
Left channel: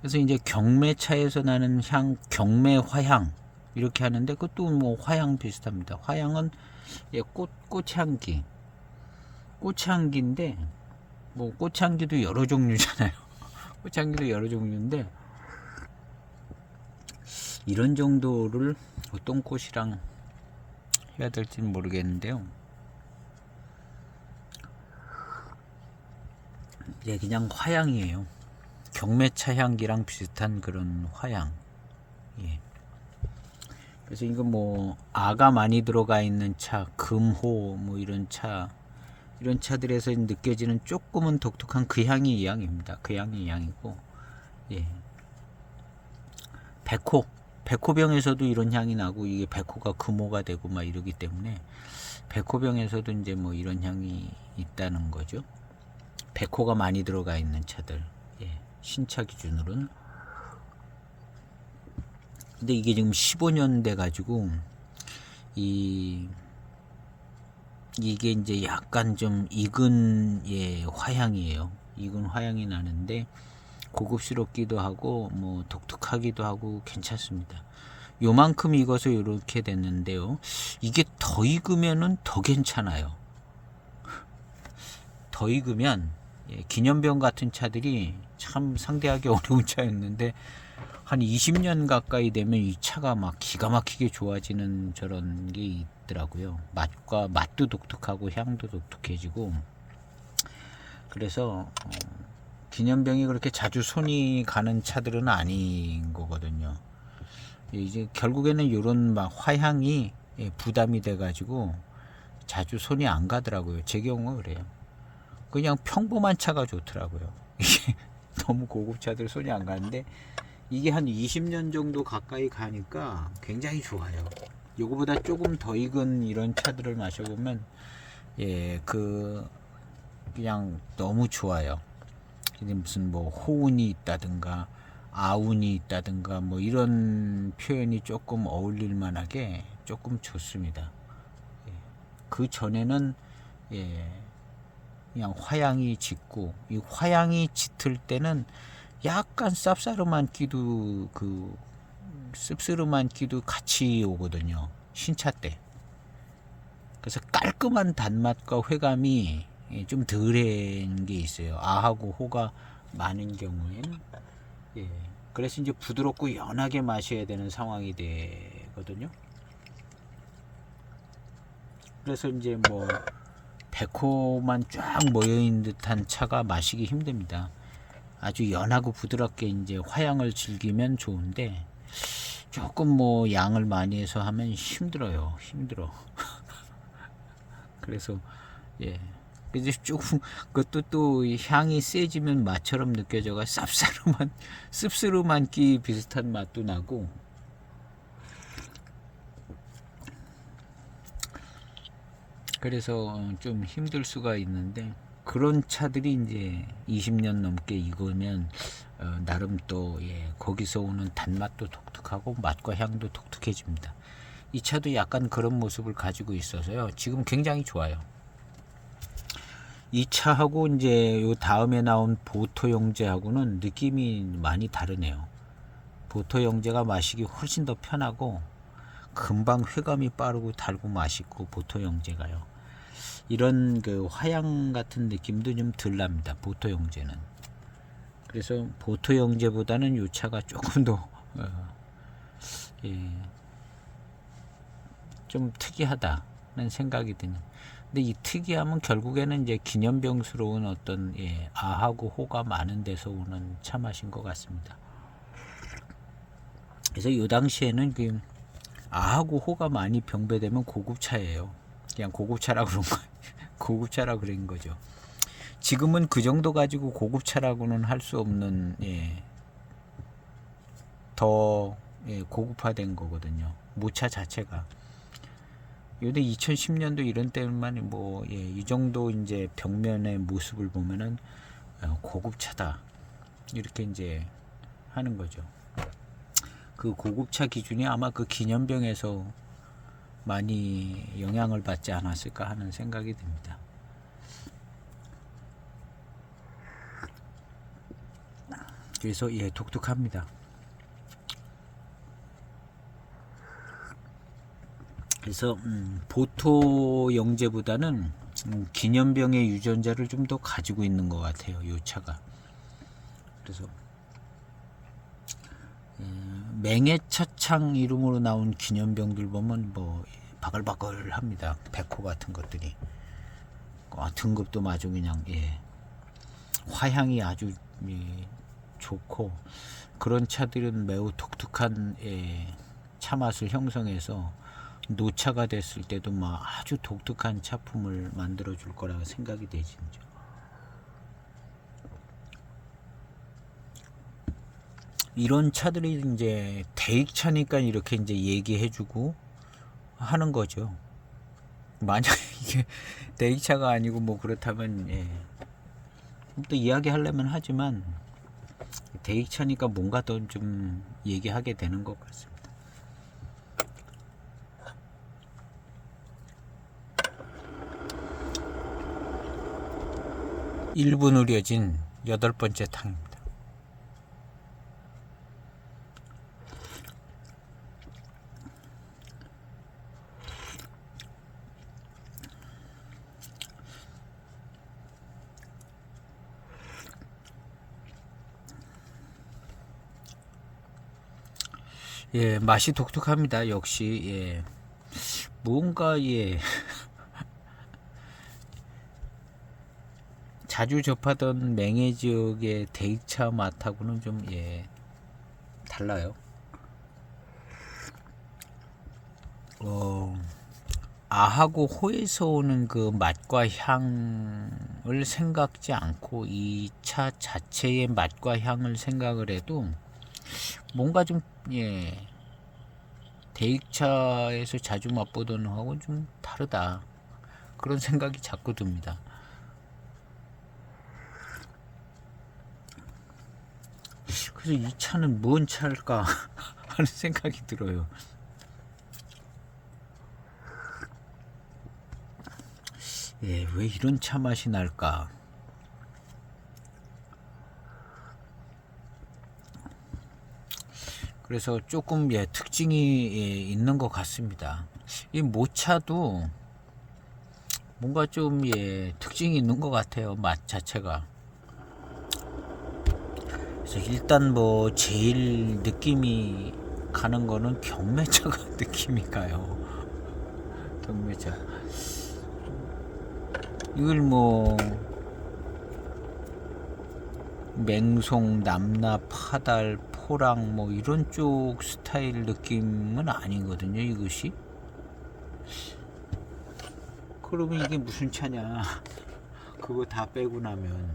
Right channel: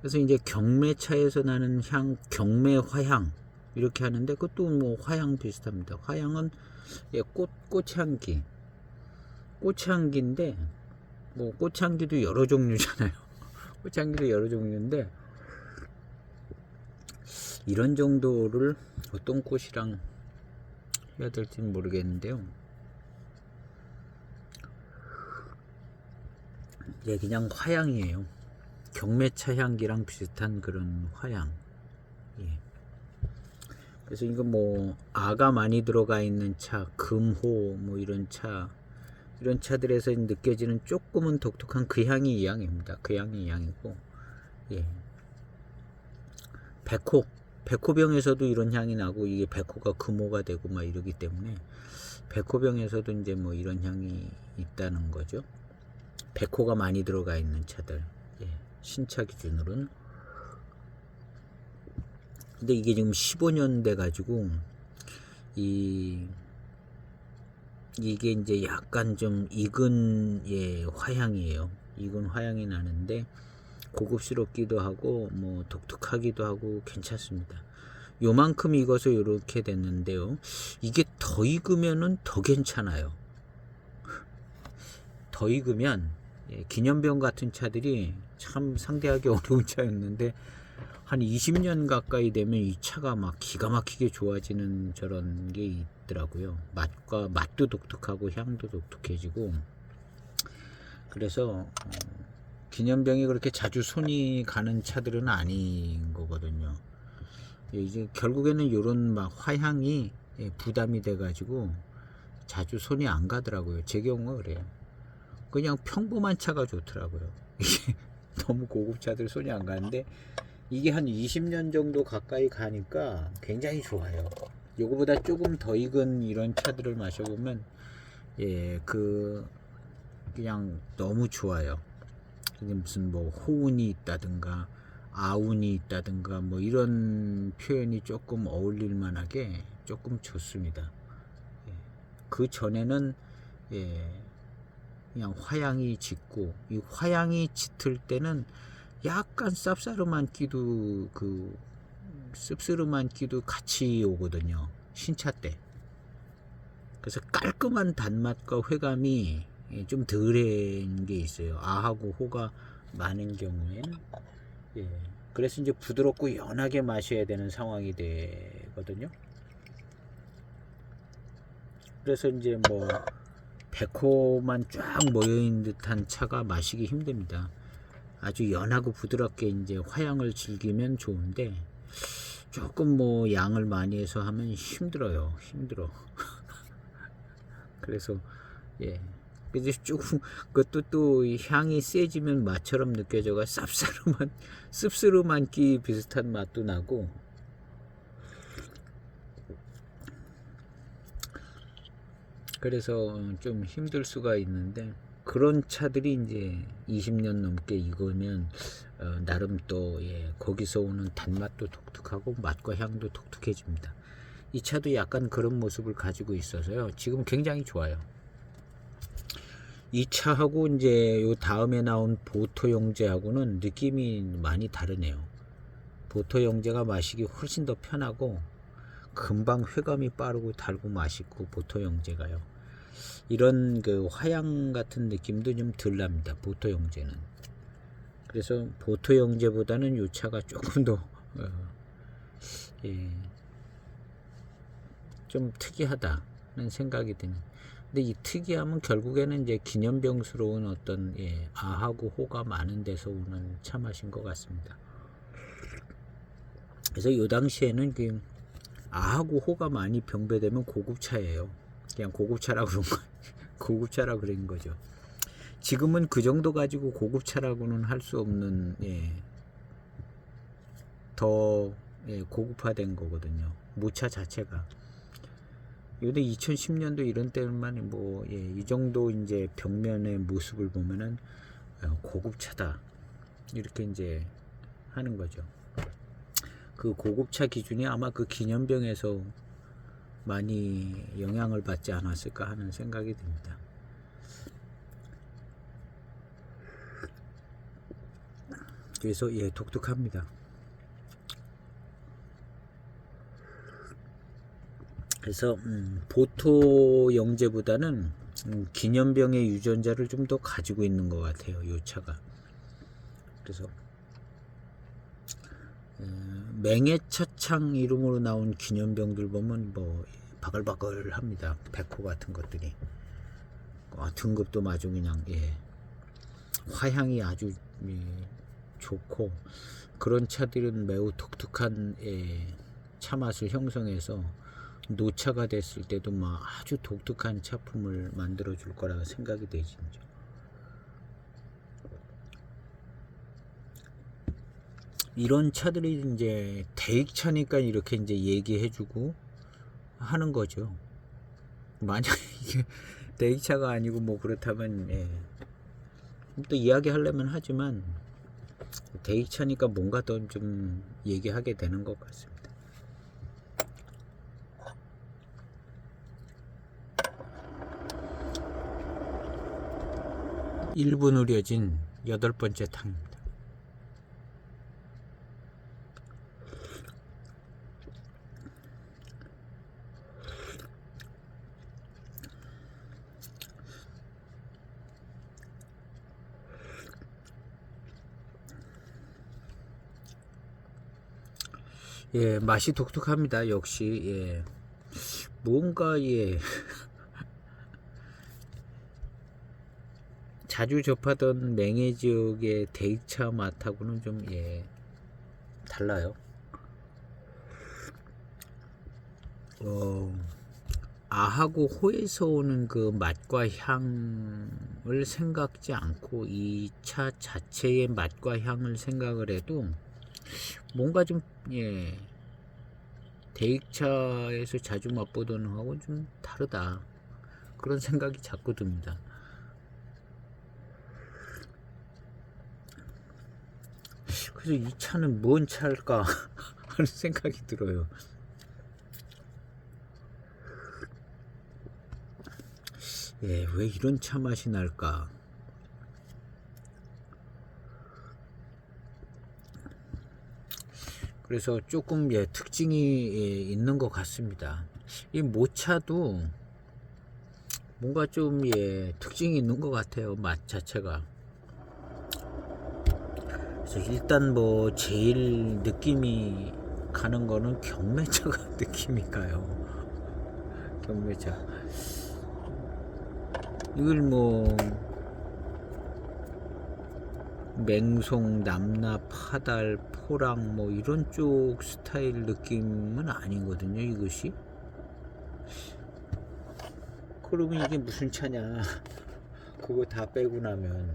그래서 이제 경매차에서 나는 향, 경매 화향 이렇게 하는데, 그것도 뭐 화향 비슷합니다. 화향은 꽃향기. 꽃향기인데 뭐 꽃향기도 여러 종류잖아요. 꽃향기도 여러 종류인데, 이런 정도를 어떤 꽃이랑 해야 될지는 모르겠는데요. 그냥 화향이에요. 경매차 향기랑 비슷한 그런 화향. 그래서 이건 뭐 아가 많이 들어가 있는 차, 금호 뭐 이런 차들에서 느껴지는 조금은 독특한 그 향이 이 향입니다. 그 향이 이 향이고, 백호병에서도 이런 향이 나고, 이게 백호가 금호가 되고 막 이러기 때문에 백호병에서도 이제 뭐 이런 향이 있다는 거죠. 백호가 많이 들어가 있는 차들, 신차 기준으로는. 근데 이게 지금 15년 돼 가지고 이게 이제 약간 좀 익은 화향이에요. 익은 화향이 나는데 고급스럽기도 하고 뭐 독특하기도 하고 괜찮습니다. 요만큼 익어서 이렇게 됐는데요. 이게 더 익으면은 더 괜찮아요. 더 익으면 기념병 같은 차들이 참 상대하기 어려운 차였는데 한 20년 가까이 되면 이 차가 막 기가 막히게 좋아지는 저런 게 있더라고요. 맛도 독특하고 향도 독특해지고. 그래서 기념병이 그렇게 자주 손이 가는 차들은 아닌 거거든요. 이제 결국에는 이런 막 화향이 부담이 돼가지고 자주 손이 안 가더라고요. 제 경우가 그래요. 그냥 평범한 차가 좋더라고요. 이게 너무 고급차들 손이 안 가는데 이게 한 20년 정도 가까이 가니까 굉장히 좋아요. 요거보다 조금 더 익은 이런 차들을 마셔보면 그냥 너무 좋아요. 무슨 뭐 호운이 있다든가 아운이 있다든가 뭐 이런 표현이 조금 어울릴 만하게 조금 좋습니다. 그 전에는 그냥 화향이 짙고, 이 화향이 짙을 때는 약간 쌉싸름한 끼도 씁쓸한 끼도 같이 오거든요. 신차 때. 그래서 깔끔한 단맛과 회감이 좀 덜한 게 있어요. 아하고 호가 많은 경우에는. 그래서 이제 부드럽고 연하게 마셔야 되는 상황이 되거든요. 그래서 이제 뭐 백호만 쫙 모여있는 듯한 차가 마시기 힘듭니다. 아주 연하고 부드럽게 이제 화향을 즐기면 좋은데 조금 뭐 양을 많이 해서 하면 힘들어요. 그래서 그래서 조금 그것도 또 향이 세지면 맛처럼 느껴져가 씁쓸한 끼 비슷한 맛도 나고. 그래서 좀 힘들 수가 있는데 그런 차들이 이제 20년 넘게 익으면 나름 또 거기서 오는 단맛도 독특하고 맛과 향도 독특해집니다. 이 차도 약간 그런 모습을 가지고 있어서요. 지금 굉장히 좋아요. 이 차하고 이제 요 다음에 나온 보토 영재하고는 느낌이 많이 다르네요. 보토 영재가 마시기 훨씬 더 편하고 금방 회감이 빠르고 달고 맛있고 보토 영재가요. 이런 그 화양 같은 느낌도 좀 덜 납니다. 보토 영재는. 그래서 보토 영재보다는 요 차가 조금 더 좀 특이하다는 생각이 드는. 근데 이 특이함은 결국에는 이제 기념병스러운 어떤 아하고 호가 많은 데서 오는 차 맛인 것 같습니다. 그래서 이 당시에는 그 아하고 호가 많이 병배되면 고급차예요. 그냥 고급차라고 그런 거, 고급차라고 그런 거죠. 지금은 그 정도 가지고 고급차라고는 할 수 없는 더 고급화된 거거든요. 모차 자체가. 요때 2010년도 이런 때만 뭐 이 정도 이제 벽면의 모습을 보면은 고급차다 이렇게 이제 하는 거죠. 그 고급차 기준이 아마 그 기념병에서 많이 영향을 받지 않았을까 하는 생각이 듭니다. 그래서 독특합니다. 그래서 보토 영재보다는 기념병의 유전자를 좀 더 가지고 있는 것 같아요. 이 차가. 그래서 맹해차창 이름으로 나온 기념병들 보면 뭐 바글바글합니다. 백호 같은 것들이 등급도 아주 그냥 화향이 아주 좋고 그런 차들은 매우 독특한 차 맛을 형성해서 노차가 됐을 때도 막 아주 독특한 차품을 만들어 줄 거라고 생각이 되죠. 이런 차들이 이제 대익차니까 이렇게 이제 얘기해주고 하는 거죠. 만약 이게 대익차가 아니고 뭐 그렇다면 또 이야기하려면 하지만 대익차니까 뭔가 더 좀 얘기하게 되는 것 같습니다. 1분 우려진 8번째 탕입니다. 예, 맛이 독특합니다. 역시 예. 뭔가 예. 자주 접하던 맹해 지역의 대익차 맛하고는 좀 예, 달라요. 아하고 호에서 오는 그 맛과 향을 생각지 않고 이 차 자체의 맛과 향을 생각을 해도 뭔가 좀 예, 대익차에서 자주 맛보던 거하고는 좀 다르다, 그런 생각이 자꾸 듭니다. 그래서 이 차는 뭔 차일까 하는 생각이 들어요. 예, 왜 이런 차 맛이 날까? 그래서 조금 예, 특징이 예, 있는 것 같습니다. 이 모차도 뭔가 좀 예, 특징이 있는 것 같아요. 맛 자체가. 그래서 일단 뭐 제일 느낌이 가는 거는 경매차가 느낌이 가요. 경매차. 이걸 뭐 맹송, 남나, 파달, 포랑 뭐 이런 쪽 스타일 느낌은 아니거든요. 이것이. 그러면 이게 무슨 차냐? 그거 다 빼고 나면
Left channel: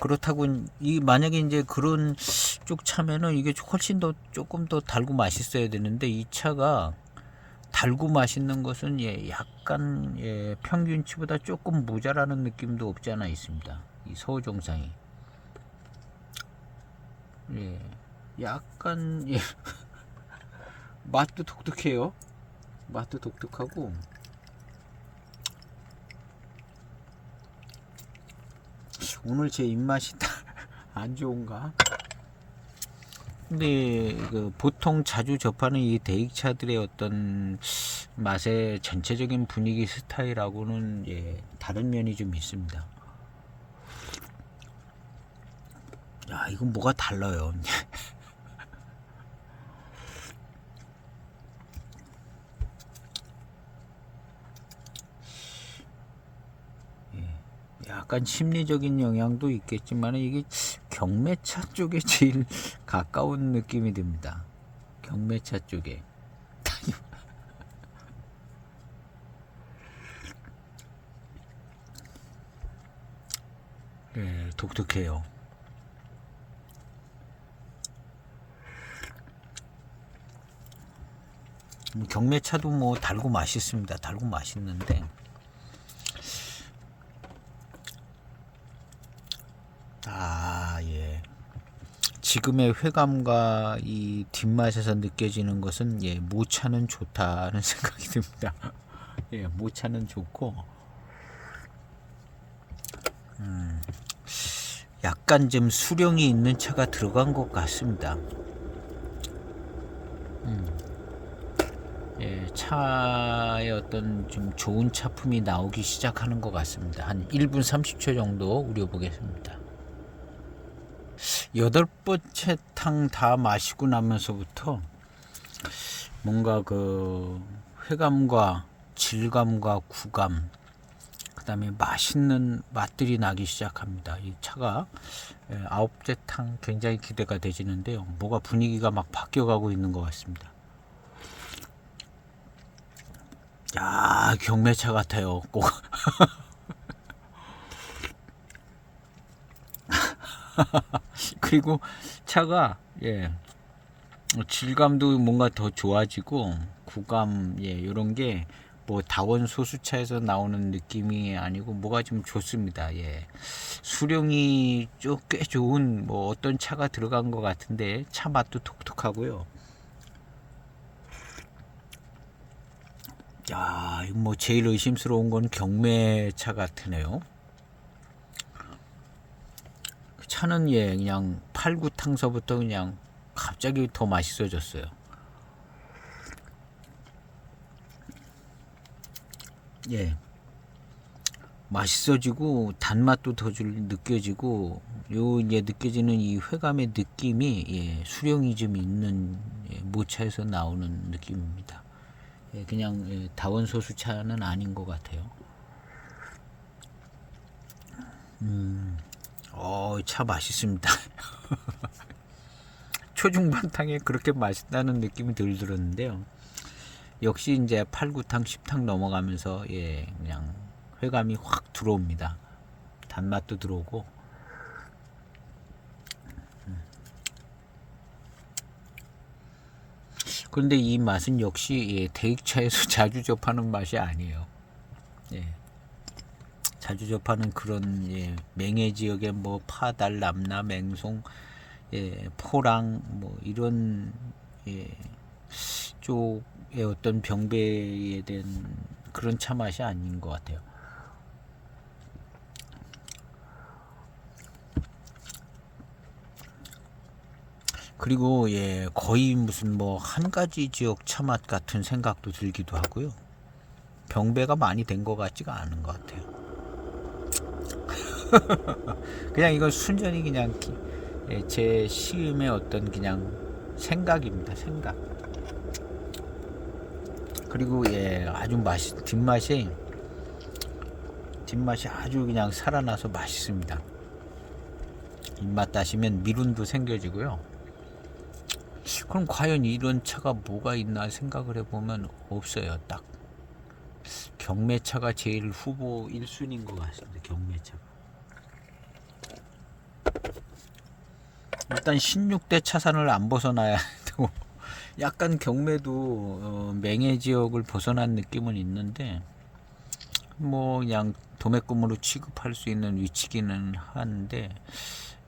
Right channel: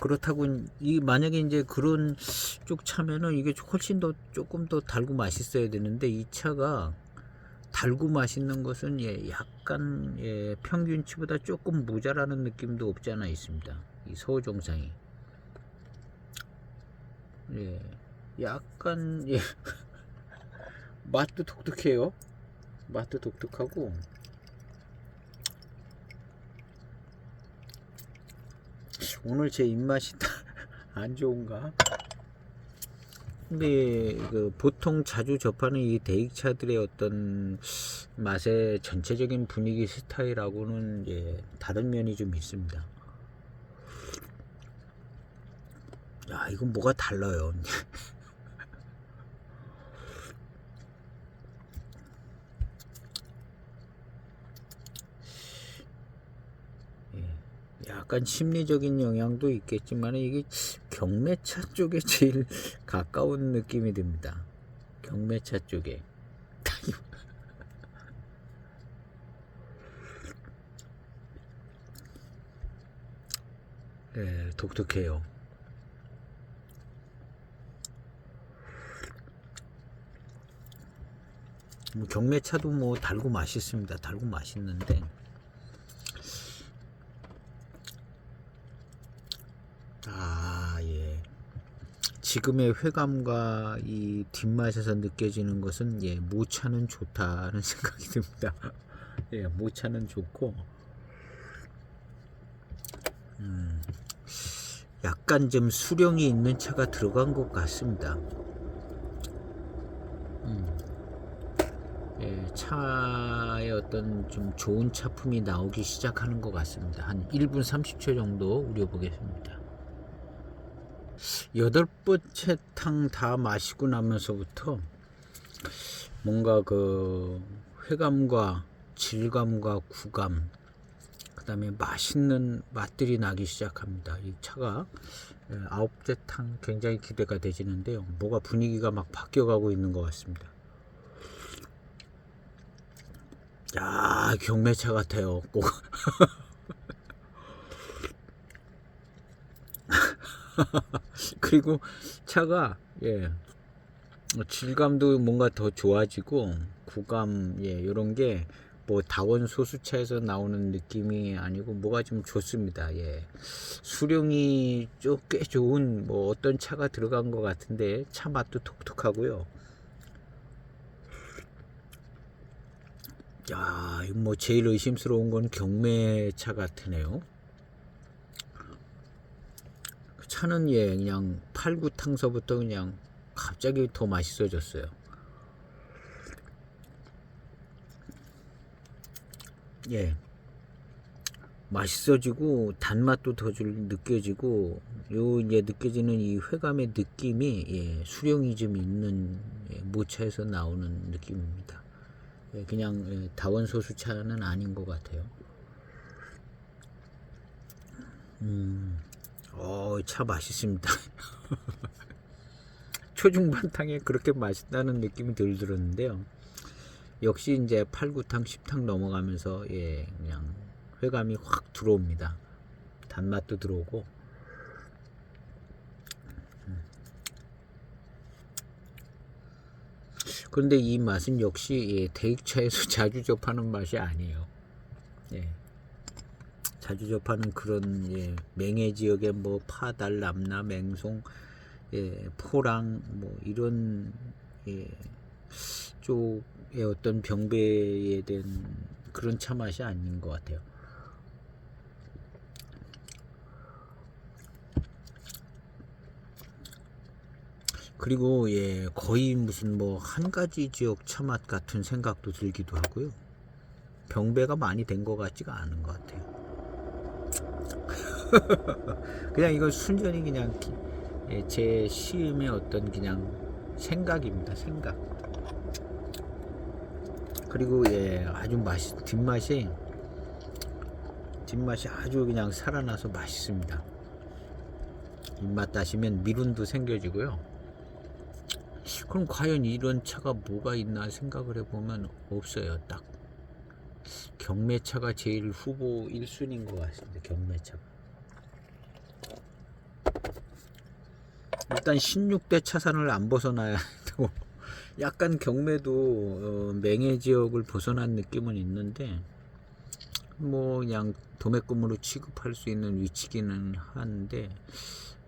그렇다고 이 만약에 이제 그런 쪽 차면은 이게 훨씬 더 조금 더 달고 맛있어야 되는데, 이 차가 달고 맛있는 것은 예, 약간 예, 평균치보다 조금 모자라는 느낌도 없지 않아 있습니다. 이 서우종상이 예, 약간 예, 맛도 독특해요. 맛도 독특하고 오늘 제 입맛이 안 좋은가? 근데 그 보통 자주 접하는 이 대익차들의 어떤 맛의 전체적인 분위기 스타일하고는 예, 다른 면이 좀 있습니다. 야, 이건 뭐가 달라요. 약간 심리적인 영향도 있겠지만 이게 경매차 쪽에 제일 가까운 느낌이 듭니다. 경매차 쪽에. 예, 독특해요. 뭐 경매차도 뭐 달고 맛있습니다. 달고 맛있는데 예. 지금의 회감과 이 뒷맛에서 느껴지는 것은 예, 모차는 좋다는 생각이 듭니다. 예, 모차는 좋고 약간 좀 수령이 있는 차가 들어간 것 같습니다. 예, 차의 어떤 좀 좋은 차품이 나오기 시작하는 것 같습니다. 한 1분 30초 정도 우려보겠습니다. 8번째 탕 다 마시고 나면서부터 뭔가 그 회감과 질감과 구감, 그 다음에 맛있는 맛들이 나기 시작합니다. 이 차가 9번째 탕 굉장히 기대가 되지는데요. 뭐가 분위기가 막 바뀌어가고 있는 것 같습니다. 야, 경매차 같아요. 꼭. 그리고 차가 예, 질감도 뭔가 더 좋아지고 구감 예, 이런 게 뭐 다원 소수차에서 나오는 느낌이 아니고 뭐가 좀 좋습니다. 예. 수령이 꽤 좋은 뭐 어떤 차가 들어간 것 같은데 차 맛도 독특하고요. 야, 이거 뭐 제일 의심스러운 건 경매차 같으네요. 차는 예 그냥 팔구탕서부터 그냥 갑자기 더 맛있어졌어요. 예, 맛있어지고 단맛도 더 느껴지고 요 이제 느껴지는 이 회감의 느낌이 예, 수령이 좀 있는 예, 모차에서 나오는 느낌입니다. 예, 그냥 예, 다원소수차는 아닌 것 같아요. 차 맛있습니다. 초중반탕에 그렇게 맛있다는 느낌이 덜 들었는데요. 역시 이제 8, 9탕, 10탕 넘어가면서 예, 그냥 회감이 확 들어옵니다. 단맛도 들어오고. 그런데 이 맛은 역시 예, 대익차에서 자주 접하는 맛이 아니에요. 예. 자주 접하는 그런 예, 맹해 지역의 뭐 파달, 남나, 맹송, 예, 포랑 뭐 이런 예, 쪽의 어떤 병배에 대한 그런 차 맛이 아닌 것 같아요. 그리고 예, 거의 무슨 뭐 한 가지 지역 차 맛 같은 생각도 들기도 하고요. 병배가 많이 된 것 같지가 않은 것 같아요. 그냥 이건 순전히 그냥 예, 제 시음의 어떤 그냥 생각입니다. 생각. 그리고 예, 아주 뒷맛이 아주 그냥 살아나서 맛있습니다. 입맛 따시면 미룬도 생겨지고요. 그럼 과연 이런 차가 뭐가 있나 생각을 해보면 없어요. 딱 경매차가 제일 후보 1순위인 것 같습니다. 경매차가 일단 16대 차선을 안 벗어나야 되고 약간 경매도 맹해 지역을 벗어난 느낌은 있는데 뭐 그냥 도매금으로 취급할 수 있는 위치기는 한데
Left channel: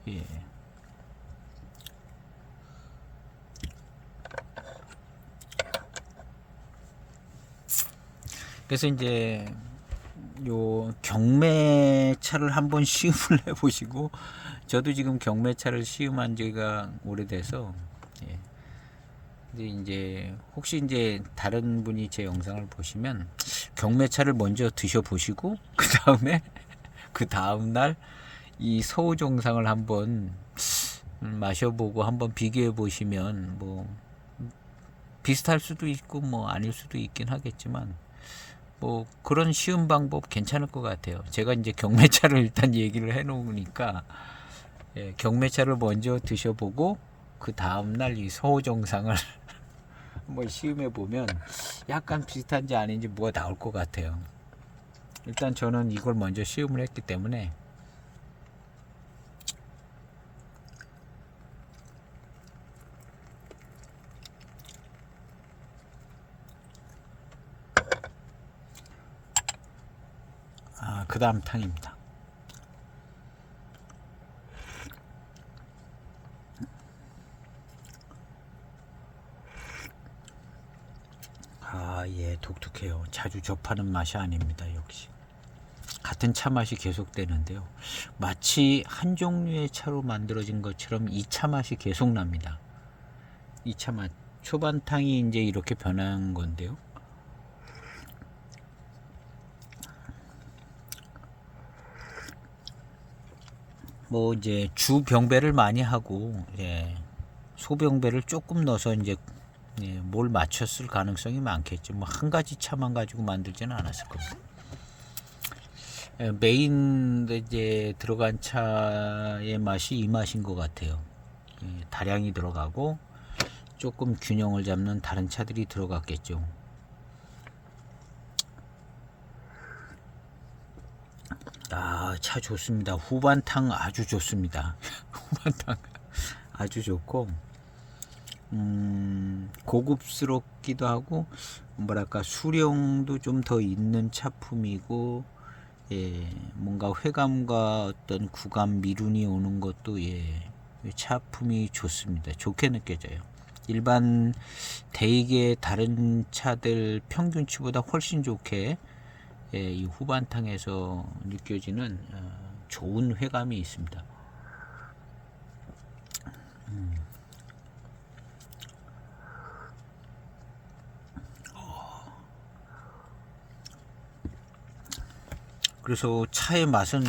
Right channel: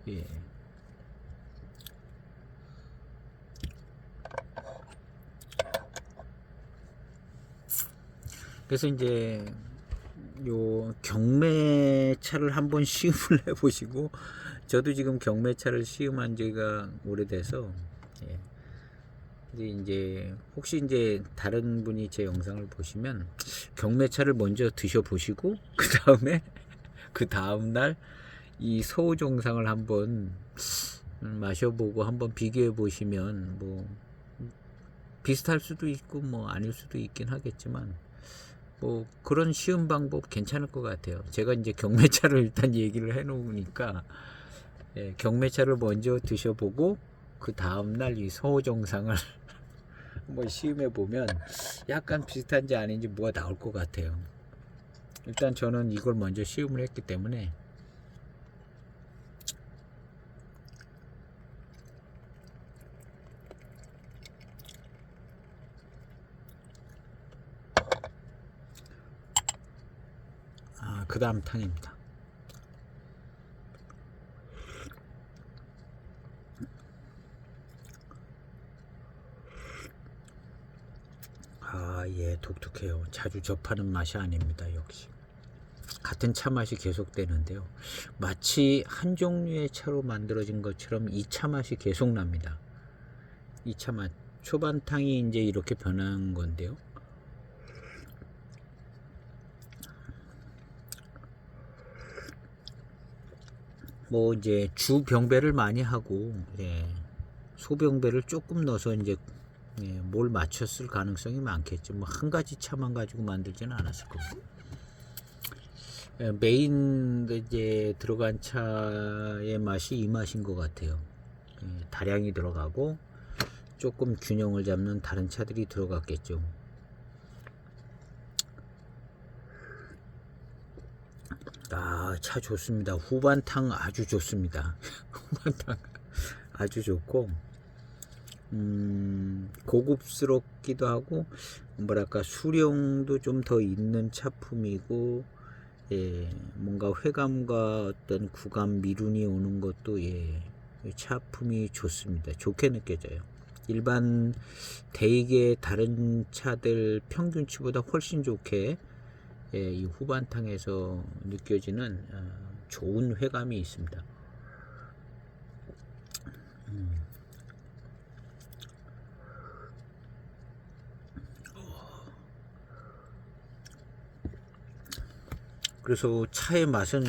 예. 그래서 이제 요 경매차를 한번 시음을 해보시고 저도 지금 경매차를 시음한 지가 오래돼서 예. 이제 혹시 이제 다른 분이 제 영상을 보시면 경매차를 먼저 드셔보시고 그 다음날 이 서우 정상을 한번 마셔보고 한번 비교해 보시면 뭐 비슷할 수도 있고 뭐 아닐 수도 있긴 하겠지만 뭐 그런 쉬운 방법 괜찮을 것 같아요. 제가 이제 경매차를 일단 얘기를 해 놓으니까 예, 경매차를 먼저 드셔보고 그 다음날 이 서우 정상을 한번 시음해 보면 약간 비슷한지 아닌지 뭐가 나올 것 같아요. 일단 저는 이걸 먼저 시음을 했기 때문에 그 다음 탕입니다. 예, 독특해요. 자주 접하는 맛이 아닙니다. 역시 같은 차 맛이 계속되는데요. 마치 한 종류의 차로 만들어진 것처럼 이 차 맛이 계속 납니다. 이 차 맛 초반탕이 이제 이렇게 변한 건데요. 뭐 이제 주 병배를 많이 하고 이제 소병배를 조금 넣어서 이제 예, 뭘 맞췄을 가능성이 많겠죠. 뭐 한 가지 차만 가지고 만들지는 않았을 겁니다. 예, 메인 이제 들어간 차의 맛이 이 맛인 것 같아요. 예, 다량이 들어가고 조금 균형을 잡는 다른 차들이 들어갔겠죠. 차 좋습니다. 후반탕 아주 좋습니다. 후반탕 아주 좋고 고급스럽기도 하고 뭐랄까 수령도 좀 더 있는 차품이고 예, 뭔가 회감과 어떤 구감 미룬이 오는 것도 예, 차품이 좋습니다. 좋게 느껴져요. 일반 대익의 다른 차들 평균치보다 훨씬 좋게 이 후반탕에서 느껴지는 좋은 회감이 있습니다. 그래서 차의 맛은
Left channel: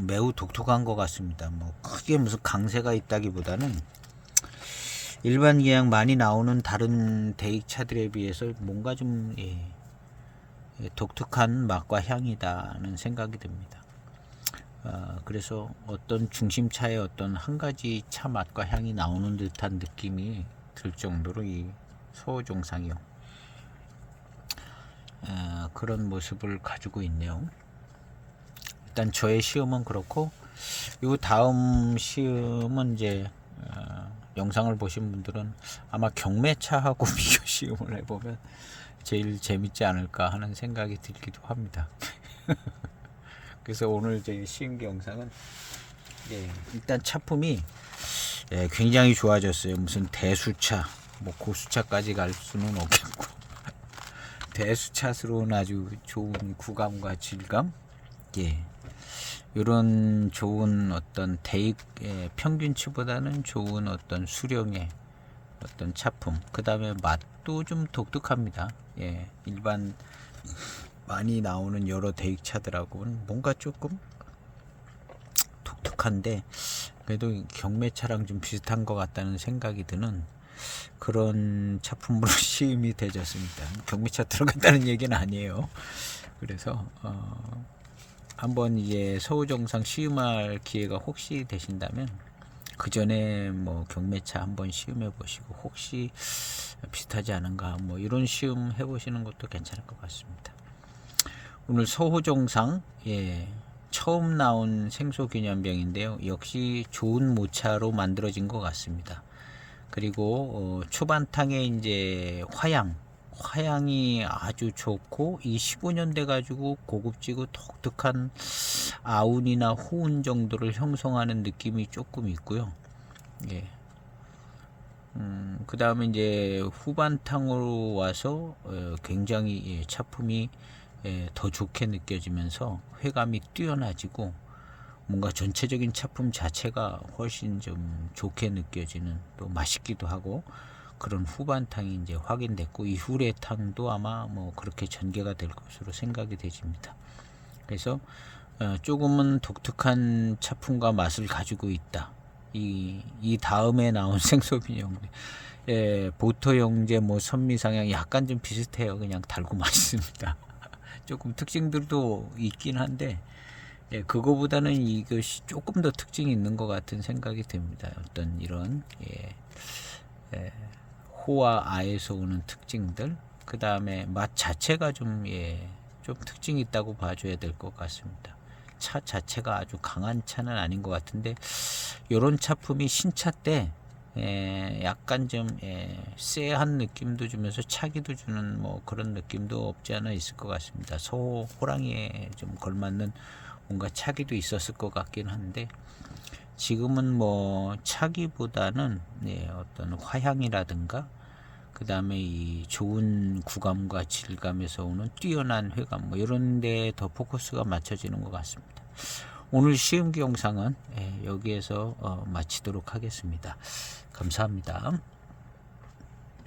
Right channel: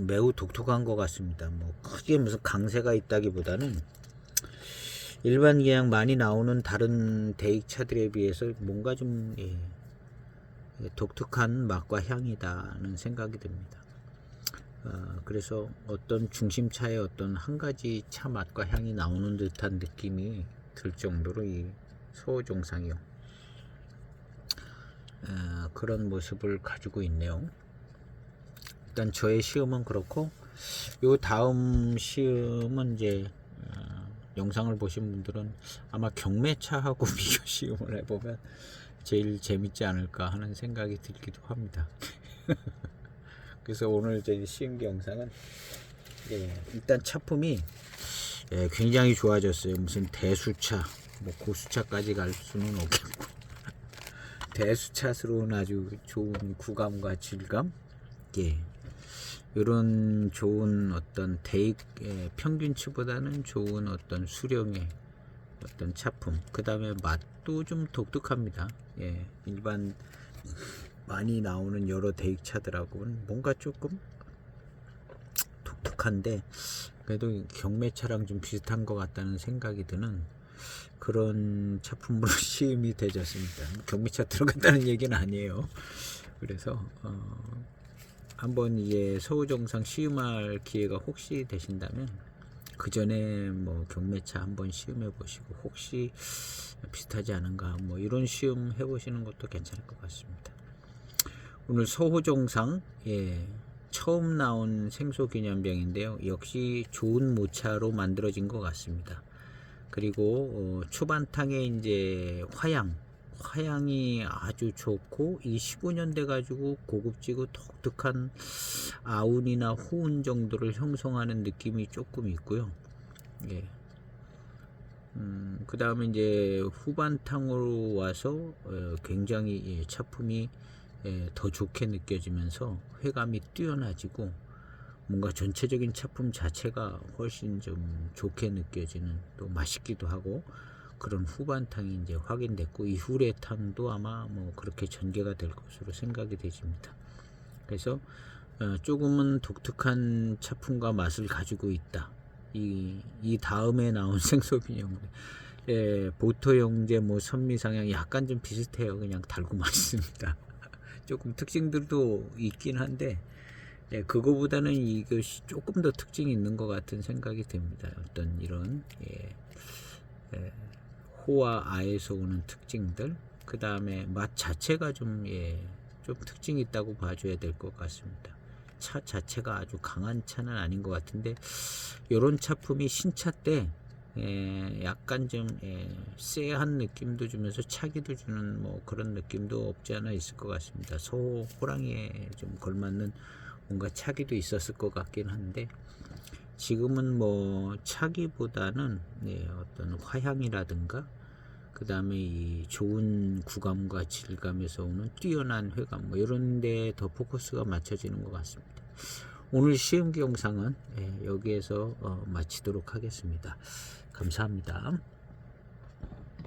매우 독특한 것 같습니다. 뭐 크게 무슨 강세가 있다기보다는 일반 그냥 많이 나오는 다른 대익 차들에 비해서 뭔가 좀 독특한 맛과 향이다는 생각이 듭니다. 그래서 어떤 중심차의 어떤 한 가지 차 맛과 향이 나오는 듯한 느낌이 들 정도로 이 소호종상이요. 그런 모습을 가지고 있네요. 일단 저의 시음은 그렇고, 요 다음 시음은 이제 영상을 보신 분들은 아마 경매차하고 비교 시음을 해보면 제일 재밌지 않을까 하는 생각이 들기도 합니다. 그래서 오늘 제 시음기 영상은 일단 차품이 굉장히 좋아졌어요. 무슨 대수차, 뭐 고수차까지 갈 수는 없겠고 대수차스러운 아주 좋은 구감과 질감, 이런 좋은 어떤 대익 평균치보다는 좋은 어떤 수령의 어떤 차품, 그 다음에 맛도 좀 독특합니다. 일반 많이 나오는 여러 대익 차들하고는 뭔가 조금 독특한데 그래도 경매차랑 좀 비슷한 것 같다는 생각이 드는 그런 차품으로 시음이 되졌습니다. 경매차 들어갔다는 얘기는 아니에요. 그래서 한번 이제 서우종상 시음할 기회가 혹시 되신다면 그 전에 뭐 경매차 한번 시음해 보시고 혹시 비슷하지 않은가 뭐 이런 시음 해 보시는 것도 괜찮을 것 같습니다. 오늘 서호종상 처음 나온 생소기념병인데요. 역시 좋은 모차로 만들어진 것 같습니다. 그리고 초반탕에 이제 화향이 아주 좋고 이 15년 돼 가지고 고급지고 독특한 아운이나 호운 정도를 형성하는 느낌이 조금 있고요. 그 다음에 이제 후반탕으로 와서 굉장히 차품이 더 좋게 느껴지면서 회감이 뛰어나지고 뭔가 전체적인 차품 자체가 훨씬 좀 좋게 느껴지는, 또 맛있기도 하고 그런 후반탕이 이제 확인됐고 이후래탕도 아마 뭐 그렇게 전개가 될 것으로 생각이 되집니다. 그래서 조금은 독특한 차품과 맛을 가지고 있다. 이 다음에 나온 생소빈형, 보토 형제, 뭐 선미상향 약간 좀 비슷해요. 그냥 달고 맛있습니다. 조금 특징들도 있긴 한데 그거보다는 이것이 조금 더 특징이 있는 것 같은 생각이 듭니다. 어떤 이런 호와 아에서 오는 특징들, 그 다음에 맛 자체가 좀 특징이 있다고 봐줘야 될 것 같습니다. 차 자체가 아주 강한 차는 아닌 것 같은데 이런 차품이 신차 때 약간 좀 쎄한 느낌도 주면서 차기도 주는 뭐 그런 느낌도 없지 않아 있을 것 같습니다. 호랑이에 좀 걸맞는 뭔가 차기도 있었을 것 같긴 한데 지금은 뭐 차기보다는 어떤 화향이라든가 그 다음에 이 좋은 구감과 질감에서 오는 뛰어난 회감, 뭐 이런 데 더 포커스가 맞춰지는 것 같습니다. 오늘 시음기 영상은 여기에서 마치도록 하겠습니다. 감사합니다.